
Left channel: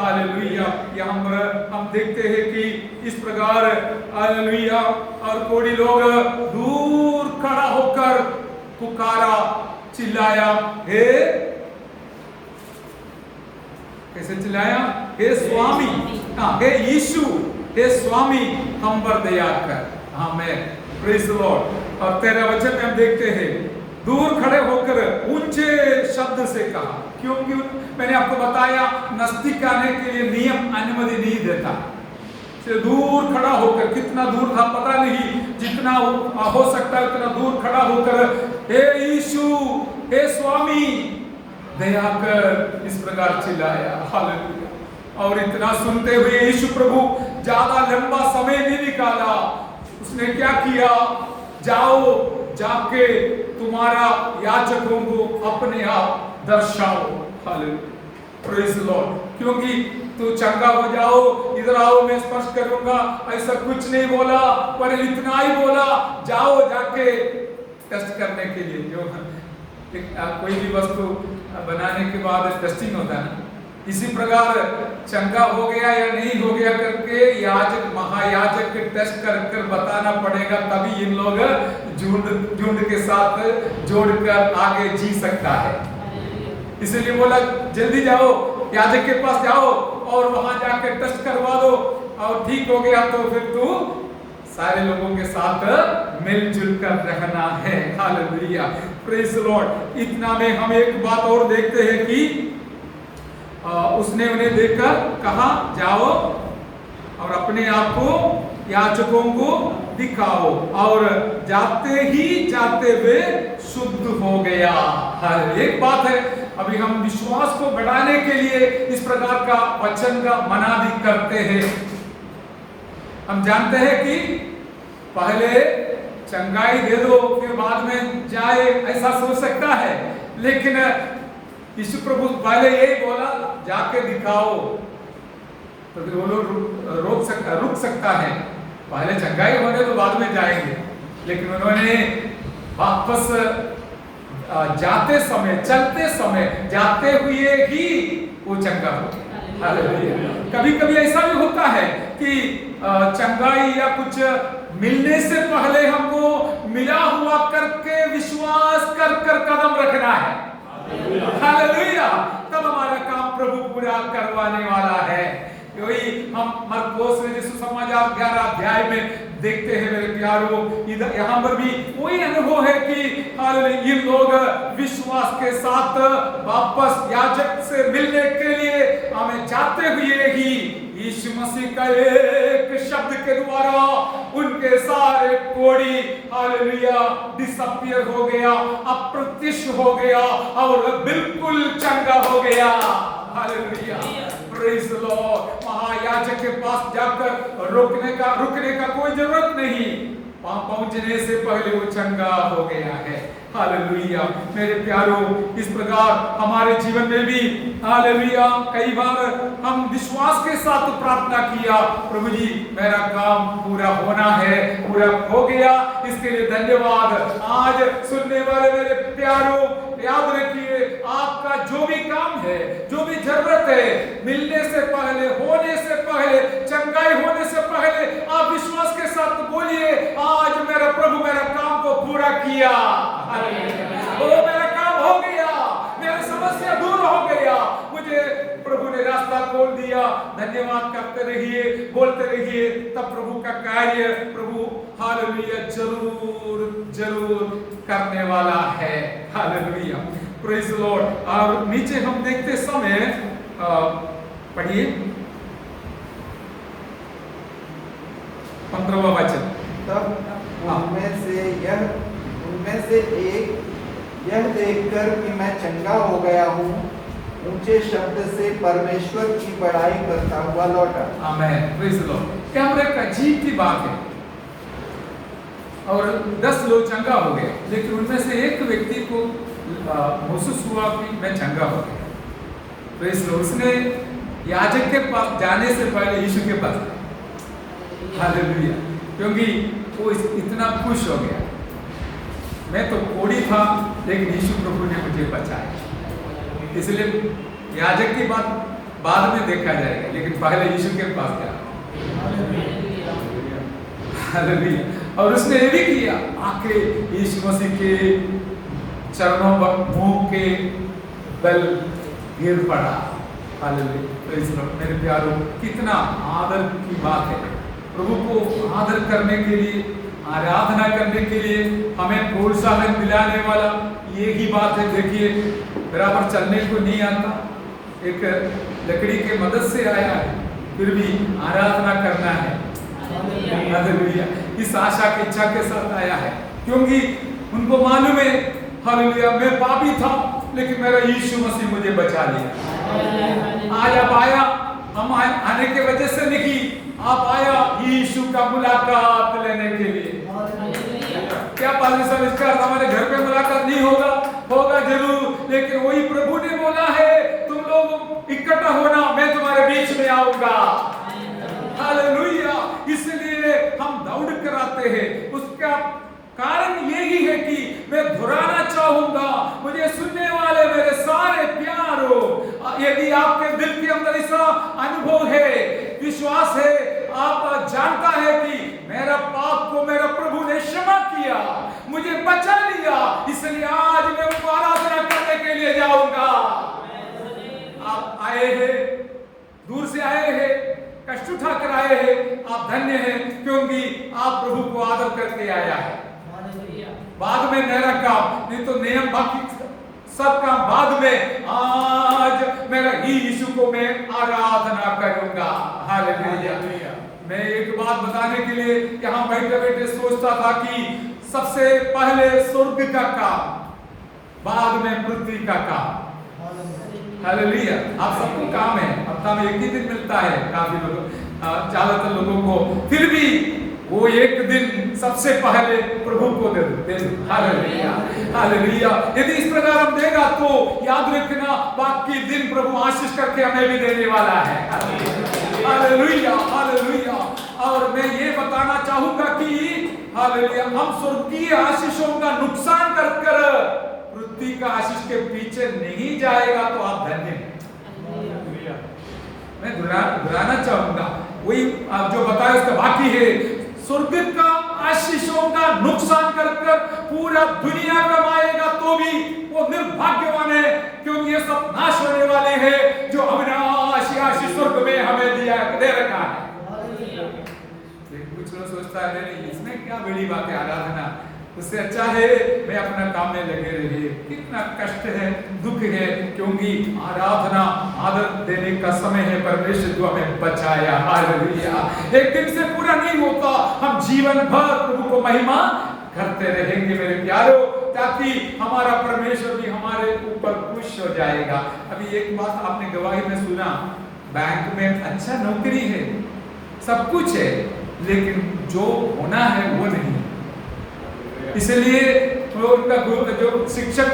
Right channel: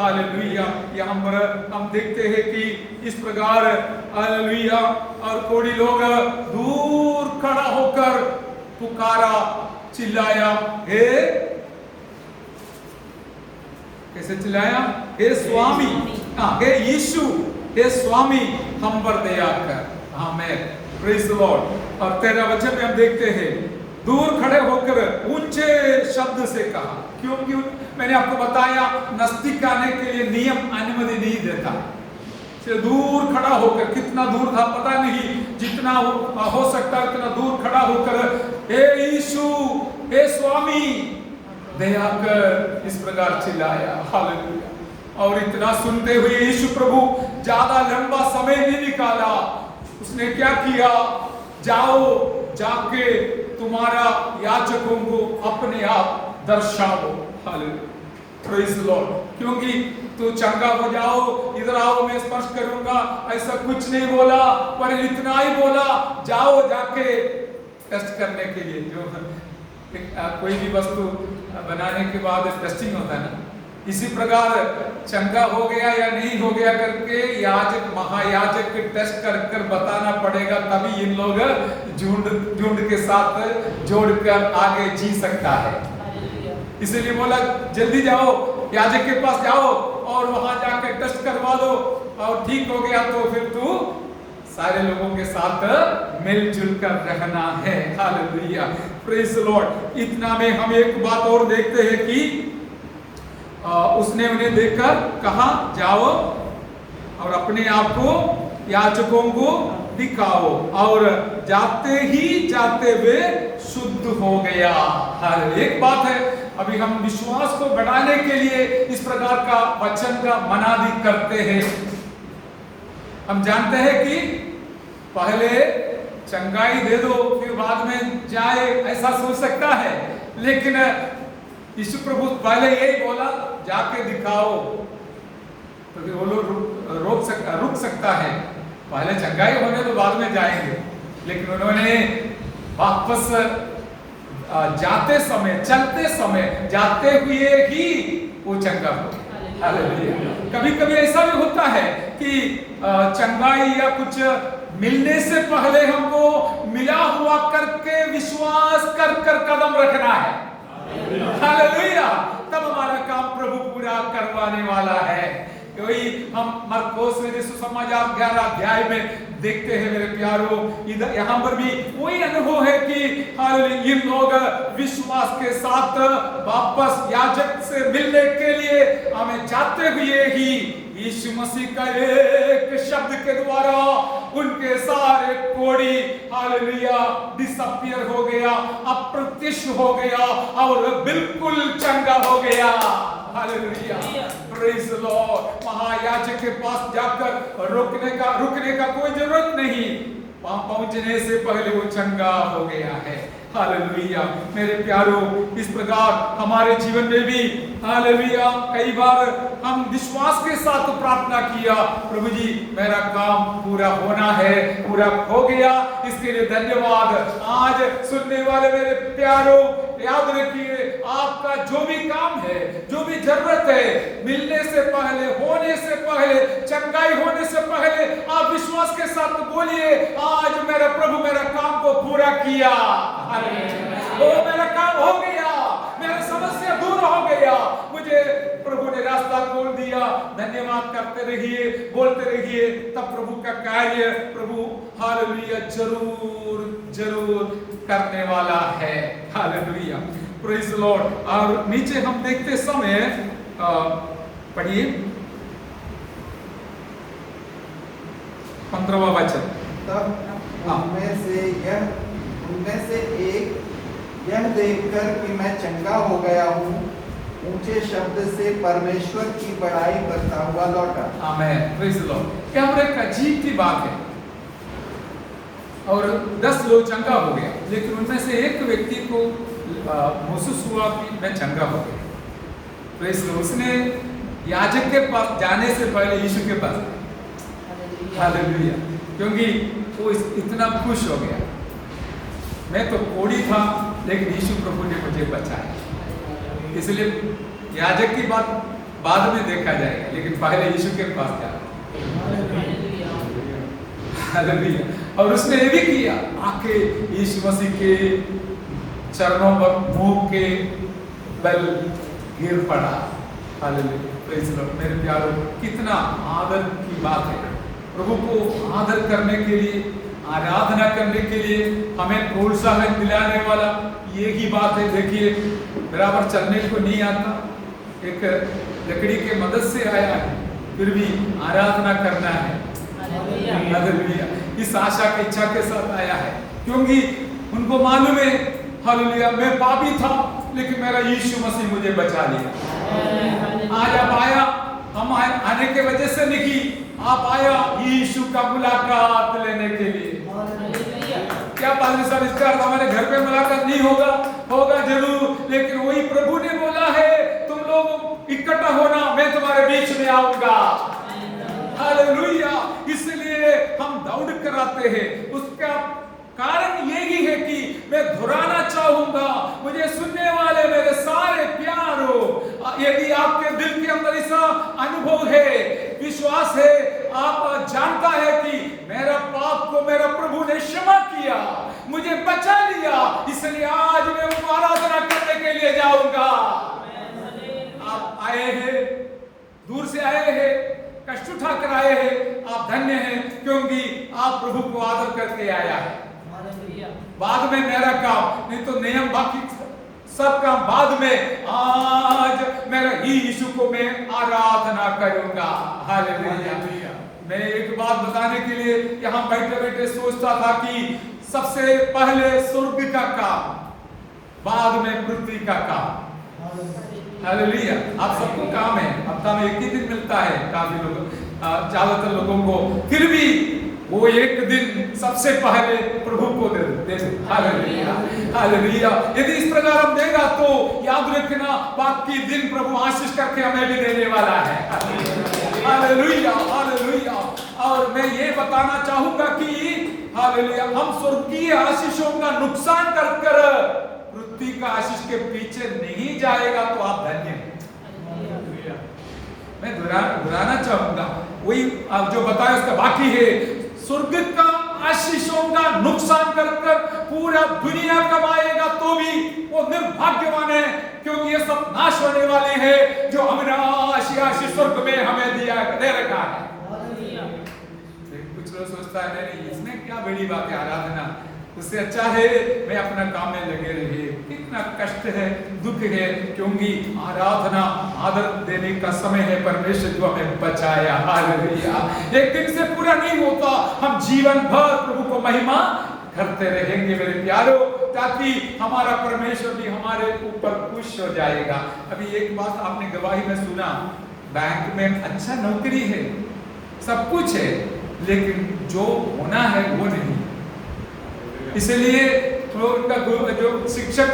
हालेलुया। यहाँ पर हम देखते हैं कि इस प्रकार हालेलुया, और कोड़ी लोग दूर खड़ा होकर पुकारा, चिल्लाया, हे, कैसे चिल्लाया? हे स्वामी, हे यीशु, हे स्वामी, हम पर दया कर। आमीन, प्रेज द लॉर्ड। और 13 वचन में हम देखते हैं, दूर खड़े होकर ऊंचे शब्द से कहा, क्योंकि मैंने आपको बताया नजदीक आने के लिए नियम अनुमति नहीं देता। से दूर खड़ा होकर, कितना दूर था पता नहीं, जितना हो सकता है उतना दूर खड़ा होकर, हे यीशु, हे स्वामी, दया कर, इस प्रकार चिल्लाया। हालेलुया। और इतना सुनते हुए यीशु प्रभु ज्यादा लंबा समय नहीं निकाला। उसने क्या किया? जाओ, जाके तुम्हारा याचकों को अपने आप दर्शाओ। Hallelujah, praise the lord. क्योंकि तो चंगा हो जाओ, इधर आओ मैं स्पर्श करूंगा, ऐसा कुछ नहीं बोला, पर इतना ही बोला, जाओ जाके टेस्ट करने के लिए। जो कोई भी वस्तु बनाने के बाद टेस्टिंग होता है ना, इसी प्रकार चंगा हो गया या नहीं हो गया करके याजक, महायाजक टेस्ट कर बताना पड़ेगा, तभी इन लोग झुंड के साथ जोड़कर आगे जी सकता है। इसलिए बोला जल्दी जाओ, याजक के पास जाओ और वहां जाकर टेस्ट करवा दो, और ठीक हो गया तो फिर तू सारे लोगों के साथ मिलजुल कर रहना है। Hallelujah, praise the Lord. इतना में हम एक बात और देखते हैं कि उसने उन्हें देखकर कहा, जाओ और अपने आप को याजकों को दिखाओ, और जाते ही जाते वे शुद्ध हो गया। हर एक बात है, अभी हम विश्वास को बढ़ाने के लिए इस प्रकार का वचन का मनादी करते हैं। हम जानते हैं कि पहले चंगाई दे दो फिर बाद में जाए, ऐसा सोच सकता है, लेकिन यीशु प्रभु पहले यही बोला, जाके दिखाओ, तो फिर वो लोग रुक सकता है। पहले चंगाई होने तो बाद में जाएंगे, लेकिन उन्होंने वापस जाते समय, चलते समय, जाते हुए ही वो चंगा हो गया। हालेलुया। कभी कभी ऐसा भी होता है कि चंगाई या कुछ मिलने से पहले हमको मिला हुआ करके विश्वास कर कदम रखना है। हालेलुया। तब हमारा काम प्रभु पूरा करवाने वाला है। वही हम मरकोस में यीशु समाचार 11 अध्याय में देखते हैं मेरे प्यारों। इधर यहाँ पर भी वही अनुभव है कि ये लोग विश्वास के साथ वापस याजक से मिलने के लिए हमें जाते हुए ही यीशु मसीह का एक शब्द के द्वारा उनके सारे कोड़ी हालेलुया डिसअपीयर हो गया, अप्रत्यक्ष हो गया और बिल्कुल चंगा हो गया। Hallelujah, praise the Lord. महायाजक के पास जाकर रुकने का कोई जरूरत नहीं, पहुंचने से पहले वो चंगा हो गया है। हालेलुया मेरे प्यारों, इस प्रकार हमारे जीवन में भी हालेलुया कई बार हम विश्वास के साथ प्रार्थना किया, प्रभु जी मेरा काम पूरा होना है, पूरा हो गया, इसके लिए धन्यवाद। आज सुनने वाले मेरे प्यारों, याद रखिए आपका जो भी काम है, जो भी जरूरत है, मिलने से पहले, होने से पहले, चंगाई होने से पहले आप विश्वास के साथ बोलिए, आज मेरा प्रभु मेरा काम को पूरा किया। ओ मेरा काम हो गया, मेरी समस्या दूर हो गया, मुझे प्रभु ने रास्ता खोल दिया। धन्यवाद करते रहिए, बोलते रहिए, तब प्रभु का कार्य प्रभु हालेलुया जरूर जरूर करने वाला है। Hallelujah, praise the Lord. और नीचे हम देखते समय पढ़िए 15वां वचन। उनमें से एक यह देखकर कि मैं चंगा हो गया हूँ, ऊंचे शब्द से परमेश्वर की बड़ाई करता हुआ लौटा। आमीन, प्रेज द लॉर्ड। क्या एक अजीब की बात है, और 10 लोग चंगा हो गया, लेकिन उनमें से एक व्यक्ति को महसूस हुआ कि मैं चंगा हो गया। Praise the Lord. उसने याजक के पास जाने से पहले यीशु के पास गया। हालेलुया, क्योंकि वो इतना खुश हो गया, मैं तो कोड़ी था लेकिन यीशु प्रभु ने मुझे बचाया। इसलिए याजक की बात बाद में देखा जाएगा, लेकिन पहले यीशु के पास जाना। हालेलुया। और उसने ये भी किया, आके यीशु मसीह के चरणों पर मुंह के बल गिर पड़ा। हालेलुया। Praise the Lord. मेरे प्यारों, कितना आदर की बात है। प्रभु को आदर करने के लिए, आराधना करने के लिए हमें प्रोत्साहन दिलाने वाला ये ही बात है। देखिए, बराबर चलने को नहीं आता, एक लकड़ी के मदद से आया है, फिर भी आराधना करना है। हालेलुया। इस आशा की इच्छा के साथ आया है, क्योंकि उनको मालूम है, हालेलुया, मैं पापी था, लेकिन मेरा यीशु मसीह मुझे बचा लिया। आज आप आया, हम आने के वजह से नहीं, आप आया यीशु का मुलाकात लेने के लिए। क्या पादरी साहब, इसका अर्थ हमारे घर पे मुलाकात नहीं होगा? होगा जरूर, लेकिन वही प्रभु ने बोला है, तुम लोग इकट्ठा होना, मैं तुम्हारे बीच में आऊंगा। हालेलुया। इसलिए हम दौड़ कर आते हैं। उसका कारण यही है कि मैं दोहराना चाहूंगा, मुझे सुनने वाले मेरे सारे प्यारों, यदि आपके दिल के अंदर ऐसा अनुभव है, विश्वास है, आप जानता है कि मेरा पाप को मेरा प्रभु ने क्षमा किया, मुझे बचा लिया, इसलिए आज मैं उनको आराधना करने के लिए जाऊंगा। आप आए हैं, दूर से आए हैं, कष्ट उठाकर आए हैं, आप धन्य हैं, क्योंकि आप प्रभु को आदर करके आया है। बाद में मेरा काम, नहीं तो नियम बाकी सब काम बाद में। आज मेरा यीशु को मैं आराधना करूंगा। हालेलुया। मैं एक बात बताने के लिए यहाँ बैठे बैठे सोचता था कि सबसे पहले स्वर्ग का काम, बाद में पृथ्वी का काम। हालेलुया। आप सबको काम है, हफ्ता में एक ही दिन मिलता है काफी लोगों, ज्यादातर लोगों को, फिर भी वो एक दिन सबसे पहले प्रभु को दे दो। हालेलुया। हालेलुया। यदि इस प्रकार हम देगा तो याद रखना, बाकी दिन प्रभु आशीष करके हमें भी देने वाला है। हालेलुया। हालेलुया। और मैं ये बताना चाहूंगा कि हालेलुया, हम स्वर्गीय आशीषों का नुकसान कर पृथ्वी का आशीष के पीछे नहीं जाएगा तो आप धन्य हैं। मैं दोहराना चाहूंगा, वही आप जो बताया उसका बाकी है। स्वर्ग का आशीषों का नुकसान कर पूरा दुनिया कमाएगा तो भी वो निर्भाग्यवान है, क्योंकि ये सब नाश होने वाले हैं जो अविनाशी आशीष स्वर्ग में हमें दे रखा है। कुछ लोग सोचता है नहीं, इसमें क्या बड़ी बात है, आराधना उससे अच्छा है मैं अपना काम में लगे रहे। कितना कष्ट है, दुख है, क्योंकि आराधना आदर देने का समय है। परमेश्वर जो हमें बचाया। हालेलुया। एक दिन से पूरा नहीं होता, हम जीवन भर प्रभु को महिमा करते रहेंगे मेरे प्यारों, ताकि हमारा परमेश्वर भी हमारे ऊपर खुश हो जाएगा। अभी एक बात आपने गवाही में सुना, बैंक में अच्छा नौकरी है, सब कुछ है, लेकिन जो होना है वो नहीं। इसलिए तो उनका जो शिक्षक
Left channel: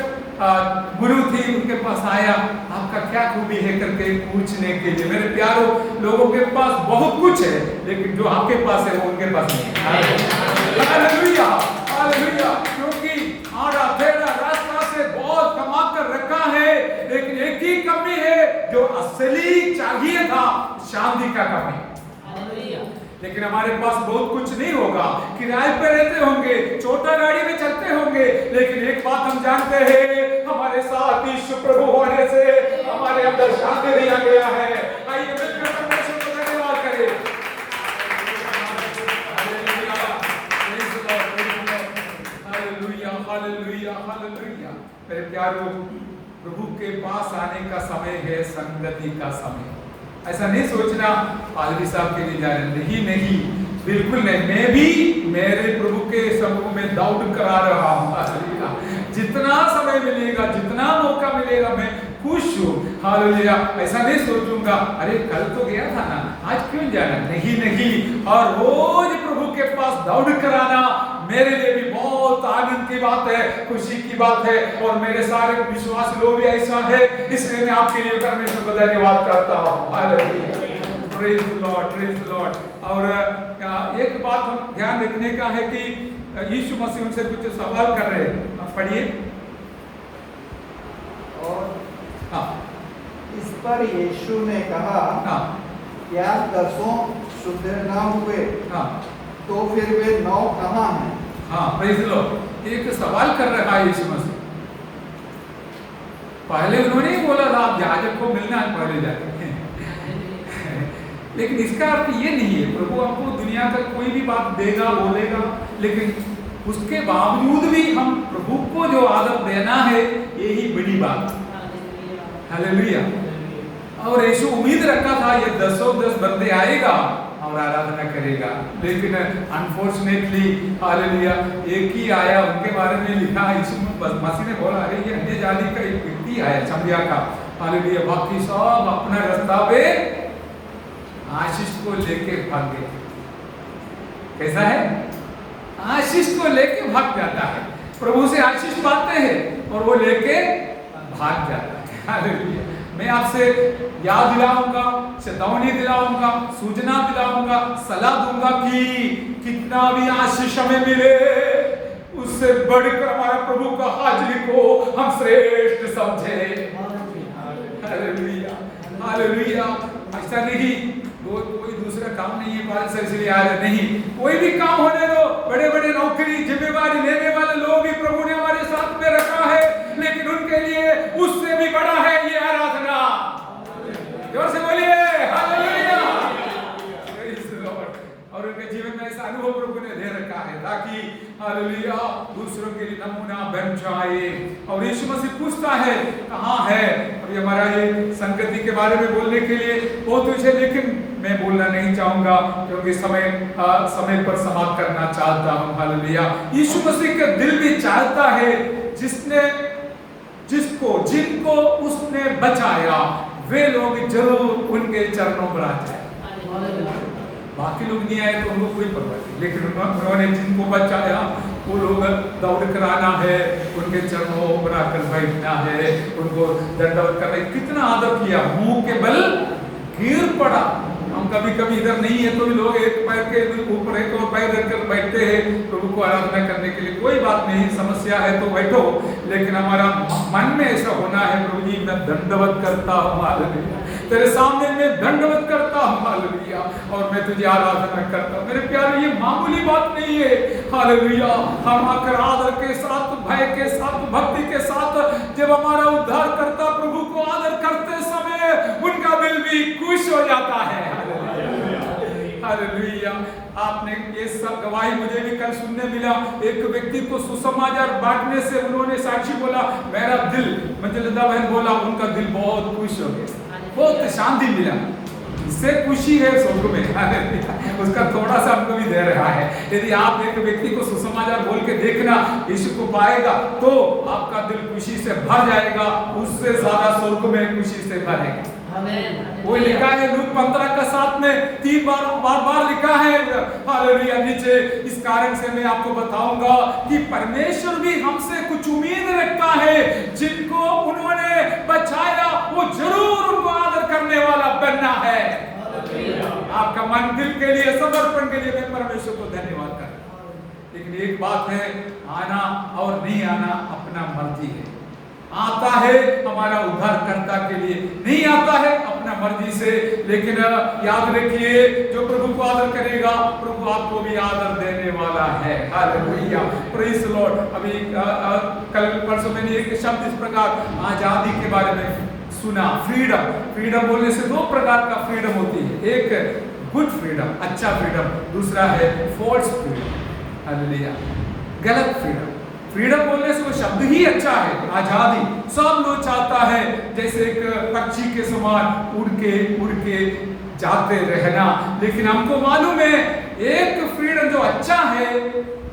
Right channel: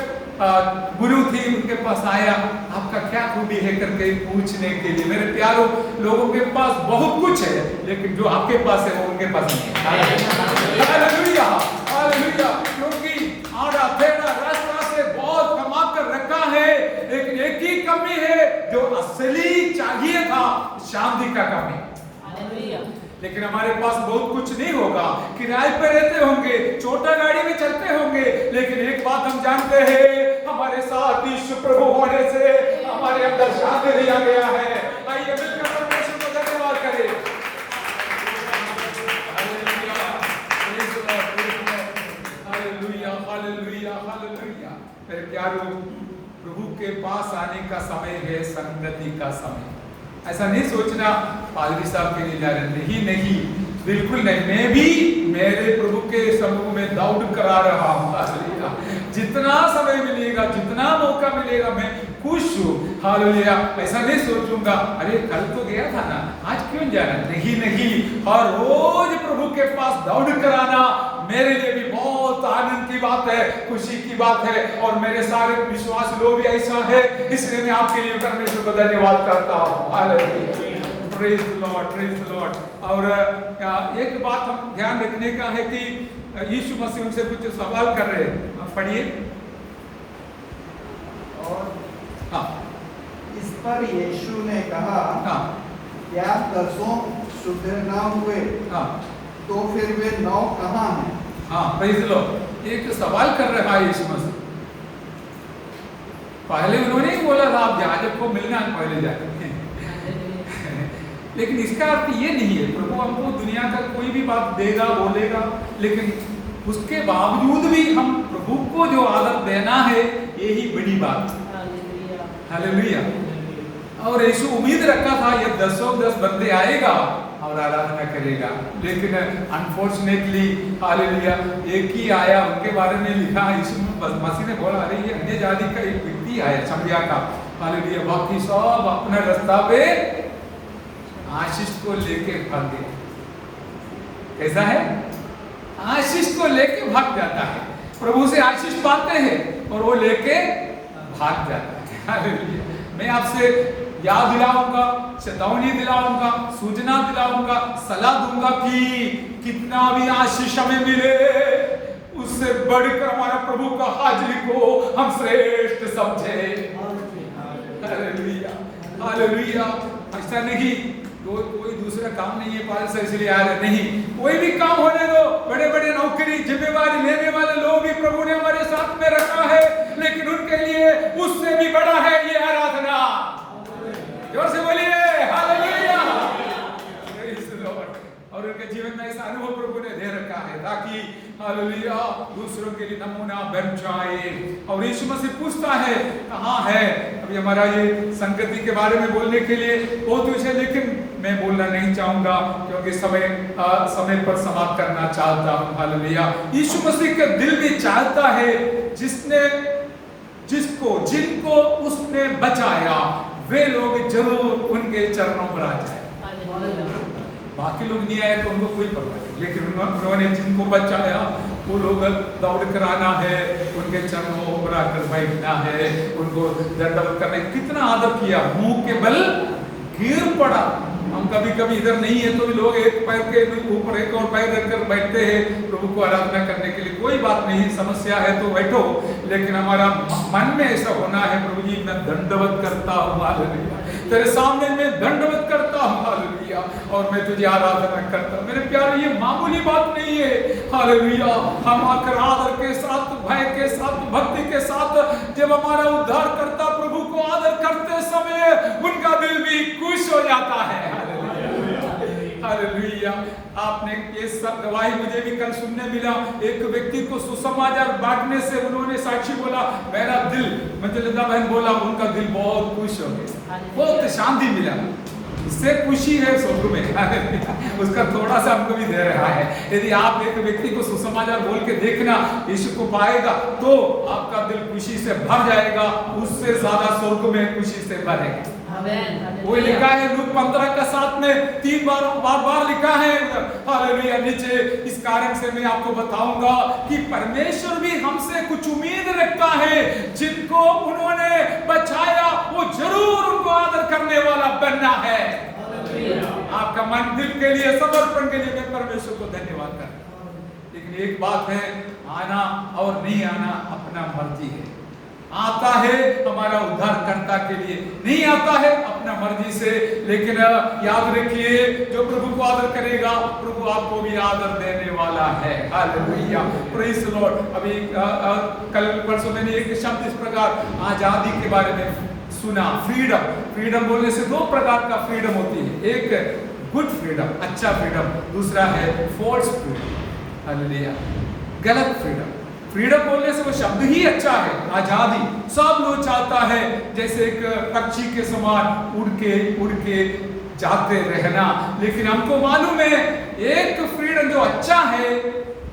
गुरु थी उनके पास आया, आपका क्या खूबी है करके पूछने के लिए। मेरे प्यारों, लोगों के पास बहुत कुछ है, लेकिन जो आपके पास है वो उनके पास नहीं है। हालेलुया। हालेलुया। क्योंकि आड़ा टेढ़ा रास्ता से बहुत कमा कर रखा है, लेकिन एक ही कमी है, जो असली चाहिए था, शांति का कमी। लेकिन हमारे पास बहुत कुछ नहीं होगा, किराए पे रहते होंगे, छोटा गाड़ी में चलते होंगे, लेकिन एक बात हम जानते हैं, हमारे साथ यीशु प्रभु होने से हमारे अंदर शांति दिया गया है। आइए मिलकर परमेश्वर को धन्यवाद करें। हालेलुया। हालेलुया। हालेलुया। मेरे प्यारों, प्रभु के पास आने का समय है, संगति का समय। ऐसा नहीं सोचना पादरी साहब के लिए जा रहे, नहीं, बिल्कुल नहीं। मैं भी मेरे प्रभु के समूह में दौड़ करा रहा हूँ। जितना समय मिलेगा, जितना मौका मिलेगा, मैं खुश हूँ। हालेलुया। ऐसा नहीं सोचूंगा अरे कल तो गया था ना, आज क्यों जाना, नहीं नहीं। और रोज प्रभु के पास दौड़ कराना मेरे लिए भी बहुत आनंद की बात है, खुशी की बात है, और मेरे सारे विश्वास लोग भी ऐसा है, इसलिए मैं आपके लिए परमेश्वर को धन्यवाद करता हूँ। Hallelujah. Praise the Lord. Praise the Lord. और एक बात हम ध्यान रखने का है कि यीशु मसीह उनसे कुछ सवाल कर रहे हैं, पढ़िए। और हाँ, इस पर यीशु ने कहा, हाँ क्या 10 शुद्ध न हुए? हाँ तो फिर वे 9 कहाँ हैं? हाँ, प्रेज़ द लॉर्ड। एक सवाल कर रहा है यीशु मसीह। पहले उन्होंने ही बोला था आप याजक को मिलना है पहले जाकर लेकिन इसका अर्थ ये नहीं है प्रभु हमको दुनिया का कोई भी बात देगा बोलेगा, लेकिन उसके बावजूद भी हम प्रभु को जो आदर देना है यही बड़ी बात। हालेलुया। और यीशु उम्मीद रखा था ये 10 बंदे आएगा और आराधना करेगा, लेकिन अनफॉर्चुनेटली हालेलुया एक ही आया। उनके बारे में लिखा यीशु मसीह ने बोला अरे ये अन्य जाति का एक व्यक्ति आया समरिया का, हालेलुया। बाकी सब अपने रास्ता पे आशीष को लेके भाग गए। कैसा है? आशीष को लेके भाग जाता है। प्रभु से आशीष पाते हैं और वो लेके भाग जाता है। हालेलुया। मैं आपसे याद दिलाऊंगा, चेतावनी दिलाऊंगा, सूचना दिलाऊंगा, सलाह दूंगा कि कितना भी आशीष हमें मिले उससे बढ़कर हमारा प्रभु का हाजिरी को हम श्रेष्ठ समझे। Hallelujah hallelujah. ऐसा नहीं कोई दूसरा काम नहीं है पादर से इसलिए आ रहे नहीं, कोई भी काम होने दो। बड़े बड़े नौकरी जिम्मेवारी लेने वाले लोग भी प्रभु ने हमारे साथ में रखा है, लेकिन उनके लिए उससे भी बड़ा है ये आराधना। जोर से बोलिए हालेलुया। और उनके जीवन में ऐसा अनुभव प्रभु ने दे रखा है ताकि हालेलुया दूसरों के लिए नमूना बन जाए। और यीशु मसीह पूछता है कहाँ है? अभी हमारा ये संगति के बारे में बोलने के लिए बहुत कुछ है, लेकिन मैं बोलना नहीं चाहूंगा क्योंकि समय पर समाप्त करना चाहता हूँ। हालेलुया। यीशु मसीह का दिल भी चाहता है जिनको उसने बचाया वे लोग जरूर उनके चरणों पर आ जाए। बाकी लोग नहीं आए तो उनको कोई पता नहीं, लेकिन उन्होंने जिनको बचाया वो लोग दौड़ कर आना है, उनके चरणों पर आकर बैठना है, उनको दंडवत करना है। कितना आदर किया, मुंह के बल गिर पड़ा। हम कभी कभी इधर नहीं है तो भी लोग एक पैर के ऊपर एक और पैर रखकर बैठते हैं प्रभु को आराधना करने के लिए। कोई बात नहीं, समस्या है तो बैठो, लेकिन हमारा मन में ऐसा होना है प्रभु जी मैं दंडवत करता हूँ हालेलुया, तेरे सामने मैं दंडवत करता हूँ हालेलुया, और मैं तुझे आराधना करता हूँ। मेरे प्यारे ये मामूली बात नहीं है हालेलुया। हम आकर आदर के साथ, भय के साथ, भक्ति के साथ जब हमारा उद्धार करता प्रभु को आदर करते समय उनका दिल भी खुश हो जाता है। हालेलुया। आपने ये सब गवाही मुझे भी कल सुनने मिला। एक व्यक्ति को सुसमाचार बांटने से उन्होंने साक्षी बोला मेरा दिल, मंजलिदा बहन बोला उनका दिल बहुत खुश हो गया, बहुत शांति मिला। इससे खुशी है स्वर्ग में। उसका थोड़ा सा हमको भी दे रहा है। यदि आप एक व्यक्ति को सुसमाचार बोल के देखना यीशु को पाएगा तो आपका दिल खुशी से भर जाएगा, उससे ज्यादा स्वर्ग में खुशी से भरेगा। वो लिखा है लूक 15:7 में 3 बार लिखा है हालेलुया नीचे। इस कारण से मैं आपको बताऊंगा कि परमेश्वर भी हमसे कुछ उम्मीद रखता है। जिनको उन्होंने बचाया वो जरूर उनको आदर करने वाला बनना है। आपका मन दिल के लिए, समर्पण के लिए मैं परमेश्वर को धन्यवाद करता हूं। लेकिन एक बात है, आना और नहीं आना अपना मर्जी है। आता है हमारा उद्धारकर्ता के लिए, नहीं आता है अपना मर्जी से। लेकिन याद रखिए जो प्रभु को आदर करेगा प्रभु आपको भी आदर देने वाला है। Hallelujah, praise the Lord. अभी कल परसों मैंने एक शब्द इस प्रकार आजादी के बारे में सुना, फ्रीडम। फ्रीडम बोलने से 2 प्रकार का फ्रीडम होती है, एक गुड फ्रीडम, अच्छा फ्रीडम, दूसरा है फॉल्स फ्रीडम। हालेलुया, गलत फ्रीडम। फ्रीडम बोलने से वो शब्द ही अच्छा है, आजादी। सब लोग चाहता है जैसे एक पक्षी के समान उड़ के जाते रहना। लेकिन हमको मालूम है एक फ्रीडम जो अच्छा है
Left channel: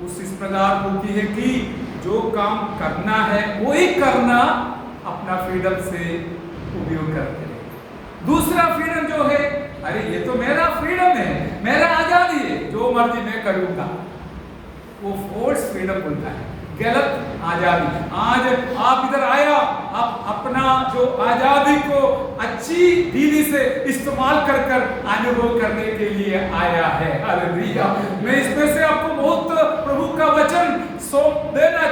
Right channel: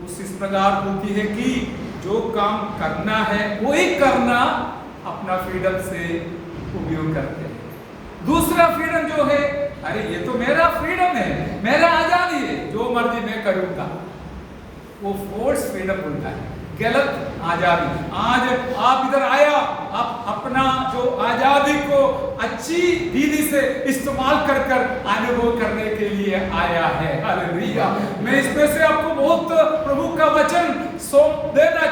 उस इस प्रकार होती है कि जो काम करना है वही करना अपना फ्रीडम से उपयोग करते हैं। दूसरा फ्रीडम जो है अरे ये तो मेरा फ्रीडम है, मेरा आजादी है, जो मर्जी मैं करूंगा, वो फोर्स फ्रीडम बोलता है, गलत आजादी। आज आप इधर आया, आप अपना जो आजादी को अच्छी दीदी से इस्तेमाल कर अनुभव करने के लिए आया है। हालेलुया। मैं इसमें से आपको बहुत प्रभु का वचन सोमना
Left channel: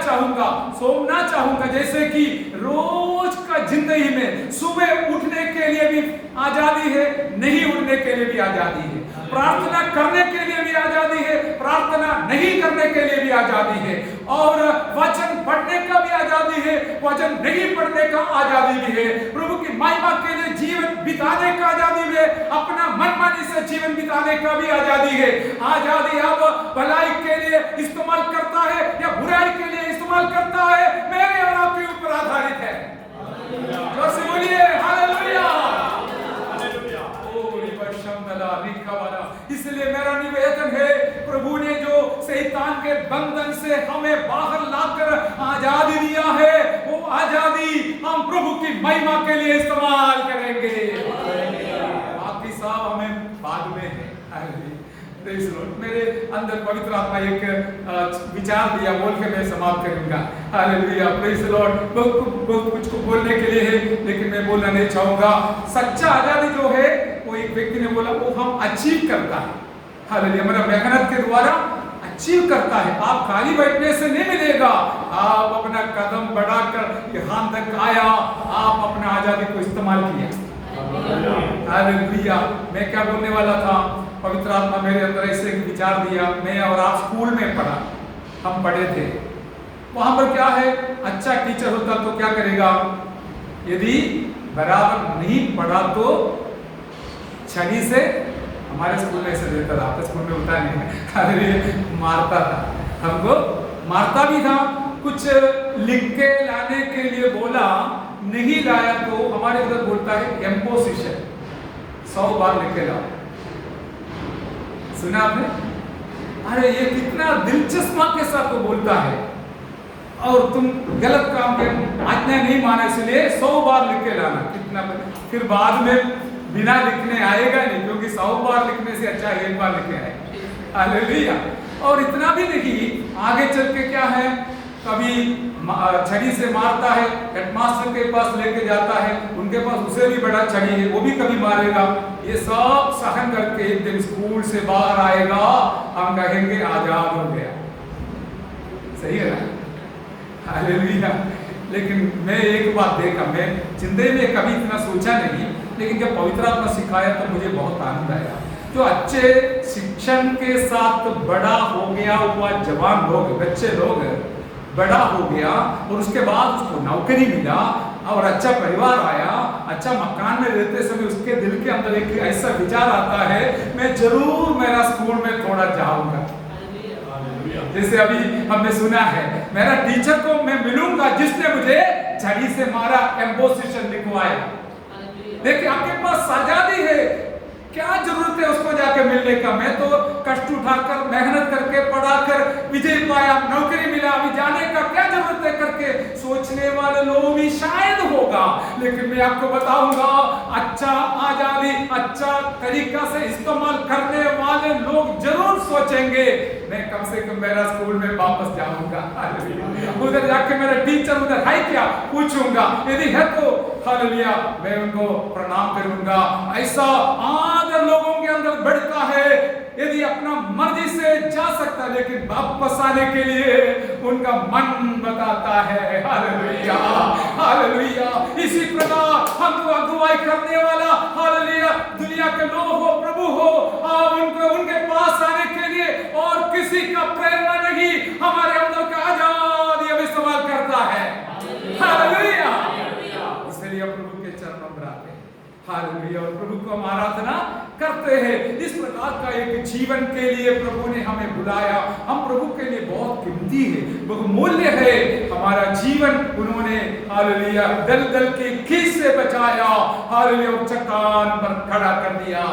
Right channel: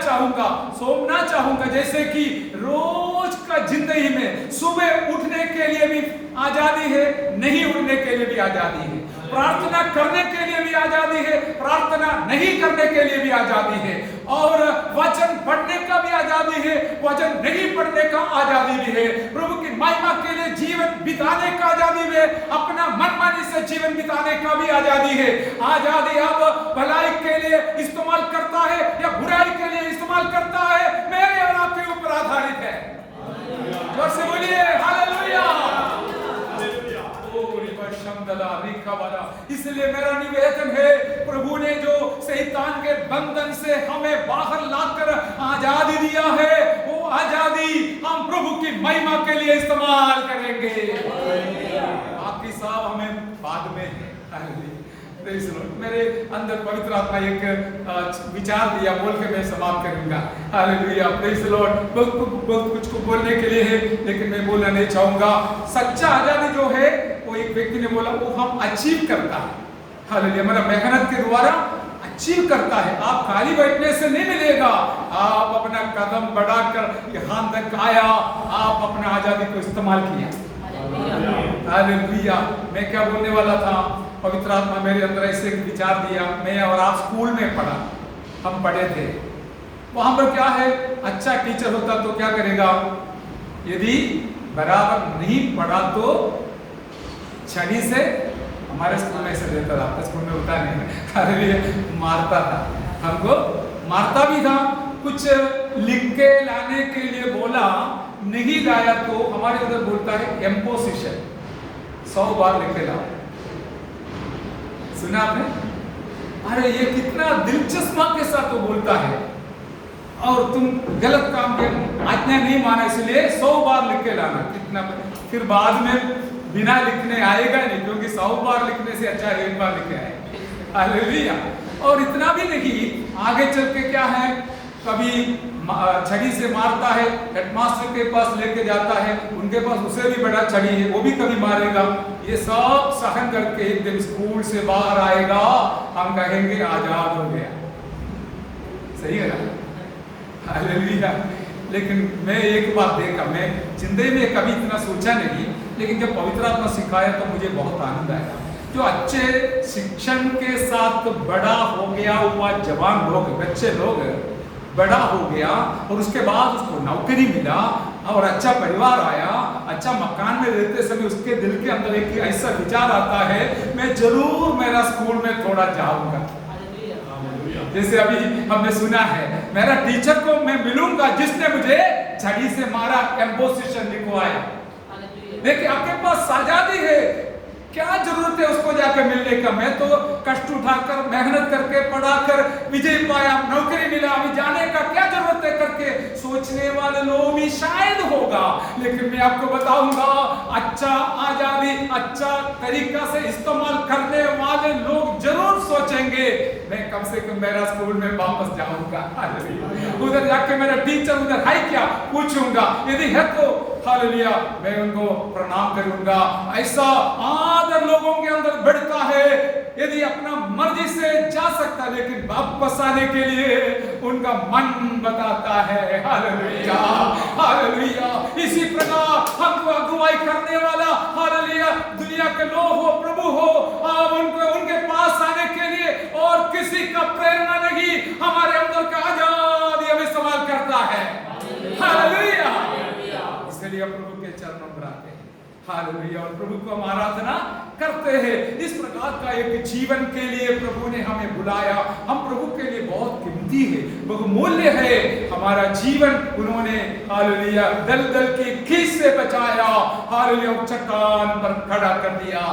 चाहूंगा, जैसे कि रोज का जिंदगी में सुबह उठने के के लिए भी आजादी है, नहीं उड़ने के लिए भी आजादी है, प्रार्थना करने के लिए भी आजादी है, प्रार्थना नहीं करने के लिए भी आजादी है, और वचन पढ़ने का भी आजादी है, वचन नहीं पढ़ने का आजादी भी है, प्रभु की महिमा के लिए जीवन बिताने का आजादी भी है, अपना मनमानी से जीवन बिताने का भी आजादी है। आजादी अब भलाई के लिए इस्तेमाल करता है या बुराई के लिए इस्तेमाल करता है, मेरे और आपके ऊपर आधारित है। जोर से बोलिए हालेलुया। इसलिए मेरा निवेदन है, प्रभु ने जो शैतान के बंधन से हमें बाहर लाकर आजादी दिया है, वो आजादी हम प्रभु की महिमा के लिए इस्तेमाल करेंगे। बाकी सब हमें बाद में है। मेरे अंदर पवित्र आत्मा एक विचार दिया, बोल के मैं समाप्त करूंगा। Hallelujah, praise the Lord. बहुत कुछ को बोलने के लिए है, लेकिन मैं बोलना नहीं चाहूंगा। सच्चा आजादी जो है, वो एक व्यक्ति ने बोला, वो हम अचीव करता है। हालेलुया, मेरा मेहनत के द्वारा अचीव करता है। आप खाली बैठने से नहीं मिलेगा, आप अपना कदम बढ़ाकर यहाँ तक आया, आप अपना आजादी को इस्तेमाल किया। हालेलुया। मैं क्या बोलने वाला था, पवित्र आत्मा मेरे अंदर ऐसे विचार दिया। मैं और आप स्कूल में पढ़ा, हम पढ़े थे, वहां पर क्या है, अच्छा टीचर होता तो क्या करेगा, यदि बराबर नहीं पढ़ा तो छड़ी से, हमारे स्कूल में ऐसे देता था, आपके स्कूल में होता नहीं, अरे मारता था, हमको मारता भी था। कुछ लिख के लाने के लिए बोला, नहीं लाया तो हमारे उधर बोलता है एम्पोजिशन, 100 बार लिख के लाओ। सुना आपने? अरे ये कितना दिलचस्पी के साथ वो बोलता है, और तुम गलत काम के आज्ञा नहीं माना, इसलिए 100 बार लिख के लाना। कितना फिर बाद में बिना लिखने आएगा नहीं, क्योंकि 100 बार लिखने से अच्छा है 1 बार लिखे आए। हालेलुया। और इतना भी नहीं, आगे चल के क्या है, कभी छड़ी से मारता है, हेडमास्टर के पास लेके जाता है, उनके पास उसे भी बड़ा छड़ी है, वो भी कभी मारेगा। ये सब सहन करके एक दिन स्कूल से बाहर आएगा, हम कहेंगे आजाद हो गया। सही है ना? हालेलुया। लेकिन मैं एक बात देखा, मैं जिंदगी में कभी इतना सोचा नहीं, लेकिन जब पवित्र आत्मा सिखाया तो मुझे बहुत आनंद आया। जो अच्छे शिक्षण के साथ बड़ा हो गया हुआ जवान लोग, बच्चे लोग, बड़ा हो गया और उसके बाद उसको नौकरी मिला और अच्छा परिवार आया, अच्छा मकान में रहते समय उसके दिल के अंदर एक ऐसा विचार आता है, मैं जरूर मेरा स्कूल में थोड़ा जाऊंगा। जैसे अभी हमने सुना है, मेरा टीचर को मैं मिलूंगा जिसने मुझे छड़ी से मारा, एम्पोजिशन लिखवाया। देखिए आपके पास आजादी है, क्या जरूरत है उसको जाकर मिलने का। मैं तो कष्ट उठाकर मेहनत करके पढ़ाकर विजय पाया, नौकरी मिला, अभी जाने का क्या जरूरत है करके सोचने वाले लोग भी शायद होगा, लेकिन मैं आपको बताऊंगा, अच्छा आजादी, अच्छा तरीका से इस्तेमाल करने वाले लोग जरूर सोचेंगे, मैं कम से कम मेरा स्कूल में वापस जाऊंगा। उधर जाके मेरा टीचर उधर है क्या पूछूंगा, यदि है तो हालेलुया मैं उनको प्रणाम करूंगा। ऐसा आदर लोगों के अंदर बढ़ता है, यदि अपना मर्जी से जा सकता, लेकिन वापस आने के लिए उनका मन बताता है। Hallelujah, hallelujah. इसी प्रकार हमको अगुवाई करने वाला, हालेलुया, दुनिया के लोग हो, प्रभु हो, आप उनको उनके पास आने के लिए और किसी का प्रेरणा नहीं, हमारे अंदर का आजादी अब इस्तेमाल करता है। हालेलुया। इसलिए प्रभु के चरणों में आते हैं। हालेलुया। और प्रभु को हम आराधना करते हैं। इस प्रकार का एक जीवन के लिए प्रभु ने हमें बुलाया। हम प्रभु के लिए बहुत कीमती है, बहुमूल्य है हमारा जीवन। उन्होंने हालेलुया दलदल की खींच से बचाया, हालेलुया चट्टान पर खड़ा कर दिया।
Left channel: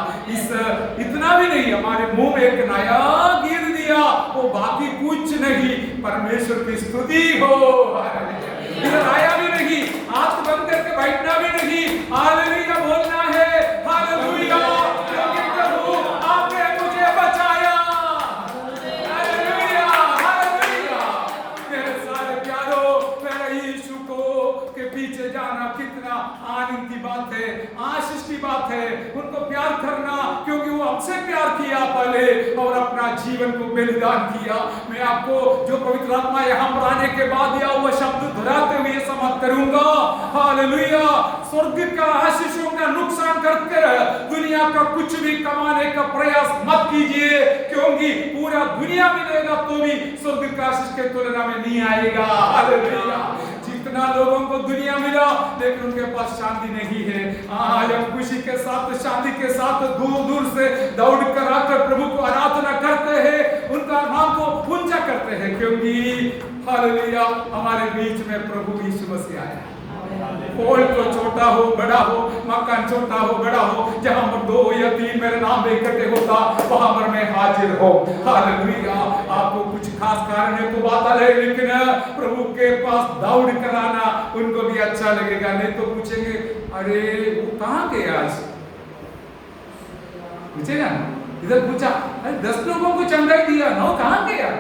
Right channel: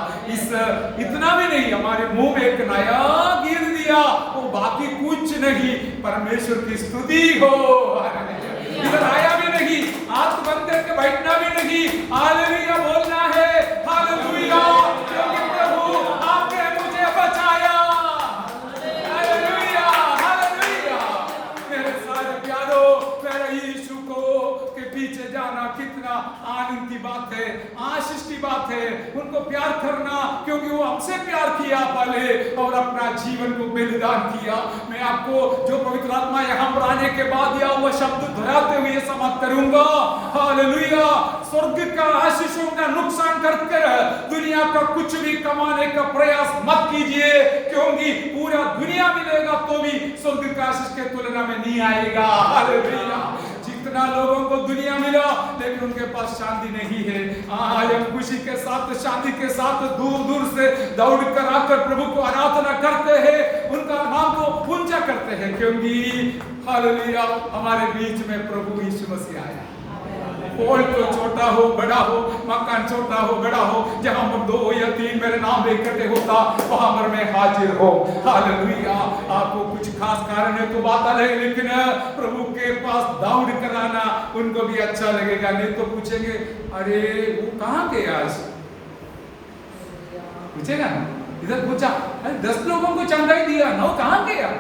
इतना भी नहीं, हमारे मुंह में एक नया गिर दिया, वो बाकी कुछ नहीं, परमेश्वर की स्तुति हो। इधर आया भी नहीं, हाथ बंद करके बैठना भी नहीं, हालेलुया बोलना है। हालेलुया, क्योंकि प्रभु आपने मुझे बचाया। Hallelujah, hallelujah. मेरे सारे प्यारों, मेरे यीशु को के पीछे जाना कितना आनंद की बात है। आशीष की बात है। उनको प्यार करना, क्योंकि वो हमसे प्यार किया पहले और अपना जीवन को बलिदान किया। मैं आपको जो पवित्र आत्मा यहाँ पर आने के बाद दिया वो शब्द दोहराते हुए समाप्त करूंगा। हालेलुया। स्वर्ग का आशीषों का नुकसान करके दुनिया का कुछ भी कमाने का प्रयास मत कीजिए, क्योंकि पूरा दुनिया मिलेगा तो भी स्वर्ग का आशीष के तुलना में नहीं आएगा। हालेलुया। जितना लोगों को दुनिया मिला लेकिन उनके पास शांति नहीं है। आज हम खुशी के साथ, शांति के साथ दूर दूर से दौड़ कर आकर प्रभु को आराधना करते हैं, उनका नाम को ऊंचा करते हैं, क्योंकि हालेलुया हमारे बीच में प्रभु यीशु मसीह आया। पोल तो छोटा हो बड़ा हो, मकान छोटा हो बड़ा हो, जहां पर 2 या 3 मेरे नाम इकट्ठे होता वहां पर मैं हाजिर हो। हालेलुया। आपको कुछ खास कारण है तो बात अलग है, लेकिन प्रभु के पास दौड़ कराना उनको भी अच्छा लगेगा। नहीं तो पूछेंगे अरे वो कहां गए आज, पूछेगा ना। इधर पूछा अरे 10 लोगों को चंगाई दिया ना, वो कहां गया।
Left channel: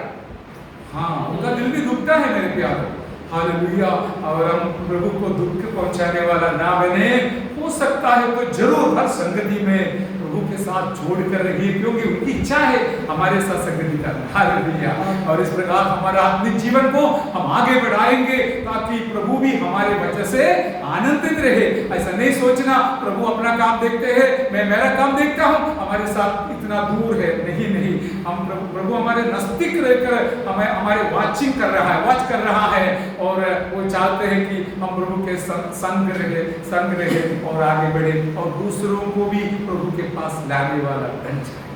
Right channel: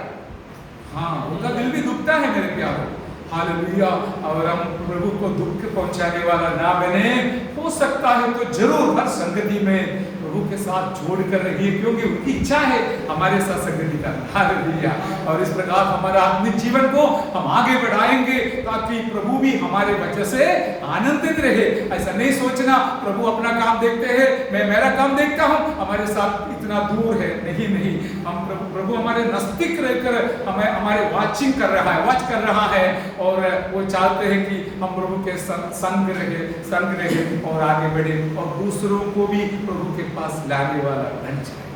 हाँ, उनका दिल भी दुखता है मेरे प्यारों। हालेलुया। और हम प्रभु को दुख पहुंचाने वाला ना बने, हो सकता है तो जरूर हर संगति में प्रभु के साथ जोड़ कर रहिए, क्योंकि उनकी इच्छा है हमारे साथ संगति करना। हालेलुया। और इस प्रकार हमारा आत्मिक जीवन को हम आगे बढ़ाएंगे ताकि प्रभु भी हमारे वजह से आनंदित रहे। ऐसा नहीं सोचना प्रभु अपना काम देखते हैं, मैं मेरा काम देखता हूं, हमारे साथ इतना दूर है। नहीं नहीं, हम प्रभु हमारे नजदीक रहकर हमें हमारे वाचिंग कर रहा है, वॉच कर रहा है, और वो चाहते हैं कि हम प्रभु के संग रहे और आगे बढ़े और दूसरों को भी प्रभु के पास लाने वाला बन जाए।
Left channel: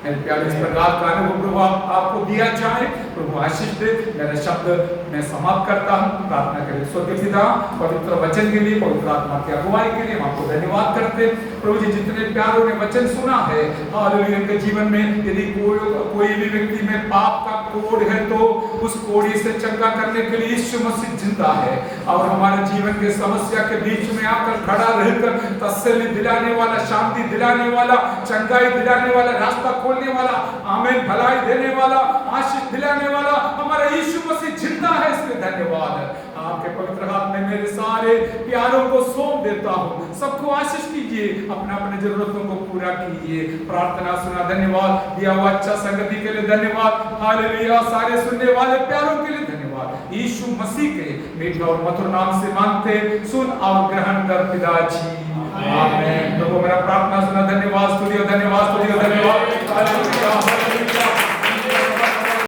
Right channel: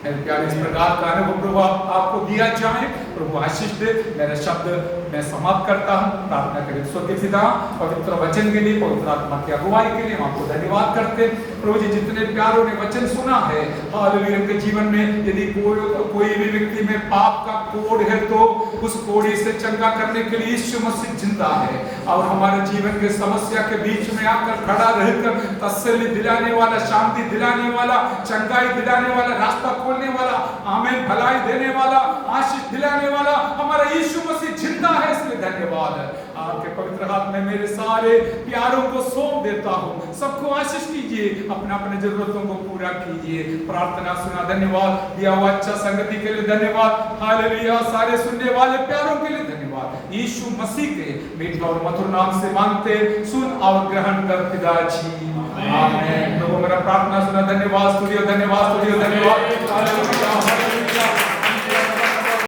मेरे प्यारे, इस प्रकार का अनुभव प्रभु आपको दिया जाए। प्रभु आशीष दे। मेरा शब्द मैं समाप्त करता हूँ। प्रार्थना करें। स्वर्गीय पिता, पवित्र वचन के लिए, पवित्र आत्मा की अगुवाई के लिए हम आपको धन्यवाद करते हैं। प्रभु जी, जितने प्यारों ने वचन सुना है, हालेलुया, उनके जीवन में यदि कोई भी व्यक्ति में पाप का कोड़ है तो उस कोड़ी से चंगा करने के लिए यीशु मसीह जिंदा है और हमारे जीवन के समस्या के बीच में आकर खड़ा रहकर तसल्ली दिलाने वाला, शांति दिलाने वाला, चंगाई दिलाने वाला, रास्ता खोलने वाला, आमीन, भलाई देने वाला, आशीष दिलाने वाला हमारा यीशु मसीह जिंदा है। इसलिए धन्यवाद। आपके पवित्र हाथ में मेरे सारे प्यारों को सौंप देता हूँ। सबको आशीष कीजिए, अपना अपने जरूरतों को पूरा कीजिए। प्रार्थना सुना, धन्यवाद। दिया हुआ अच्छा संगति के लिए धन्यवाद। हालेलुया। सारे सुनने वाले प्यारों के लिए धन्यवाद। यीशु मसीह के मीठे और मधुर नाम से मांगते, सुन और ग्रहण कर पिताजी, आमीन। तो मेरा प्रार्थना सुना, धन्यवाद। स्तुति, धन्यवाद, स्तुति, धन्यवाद।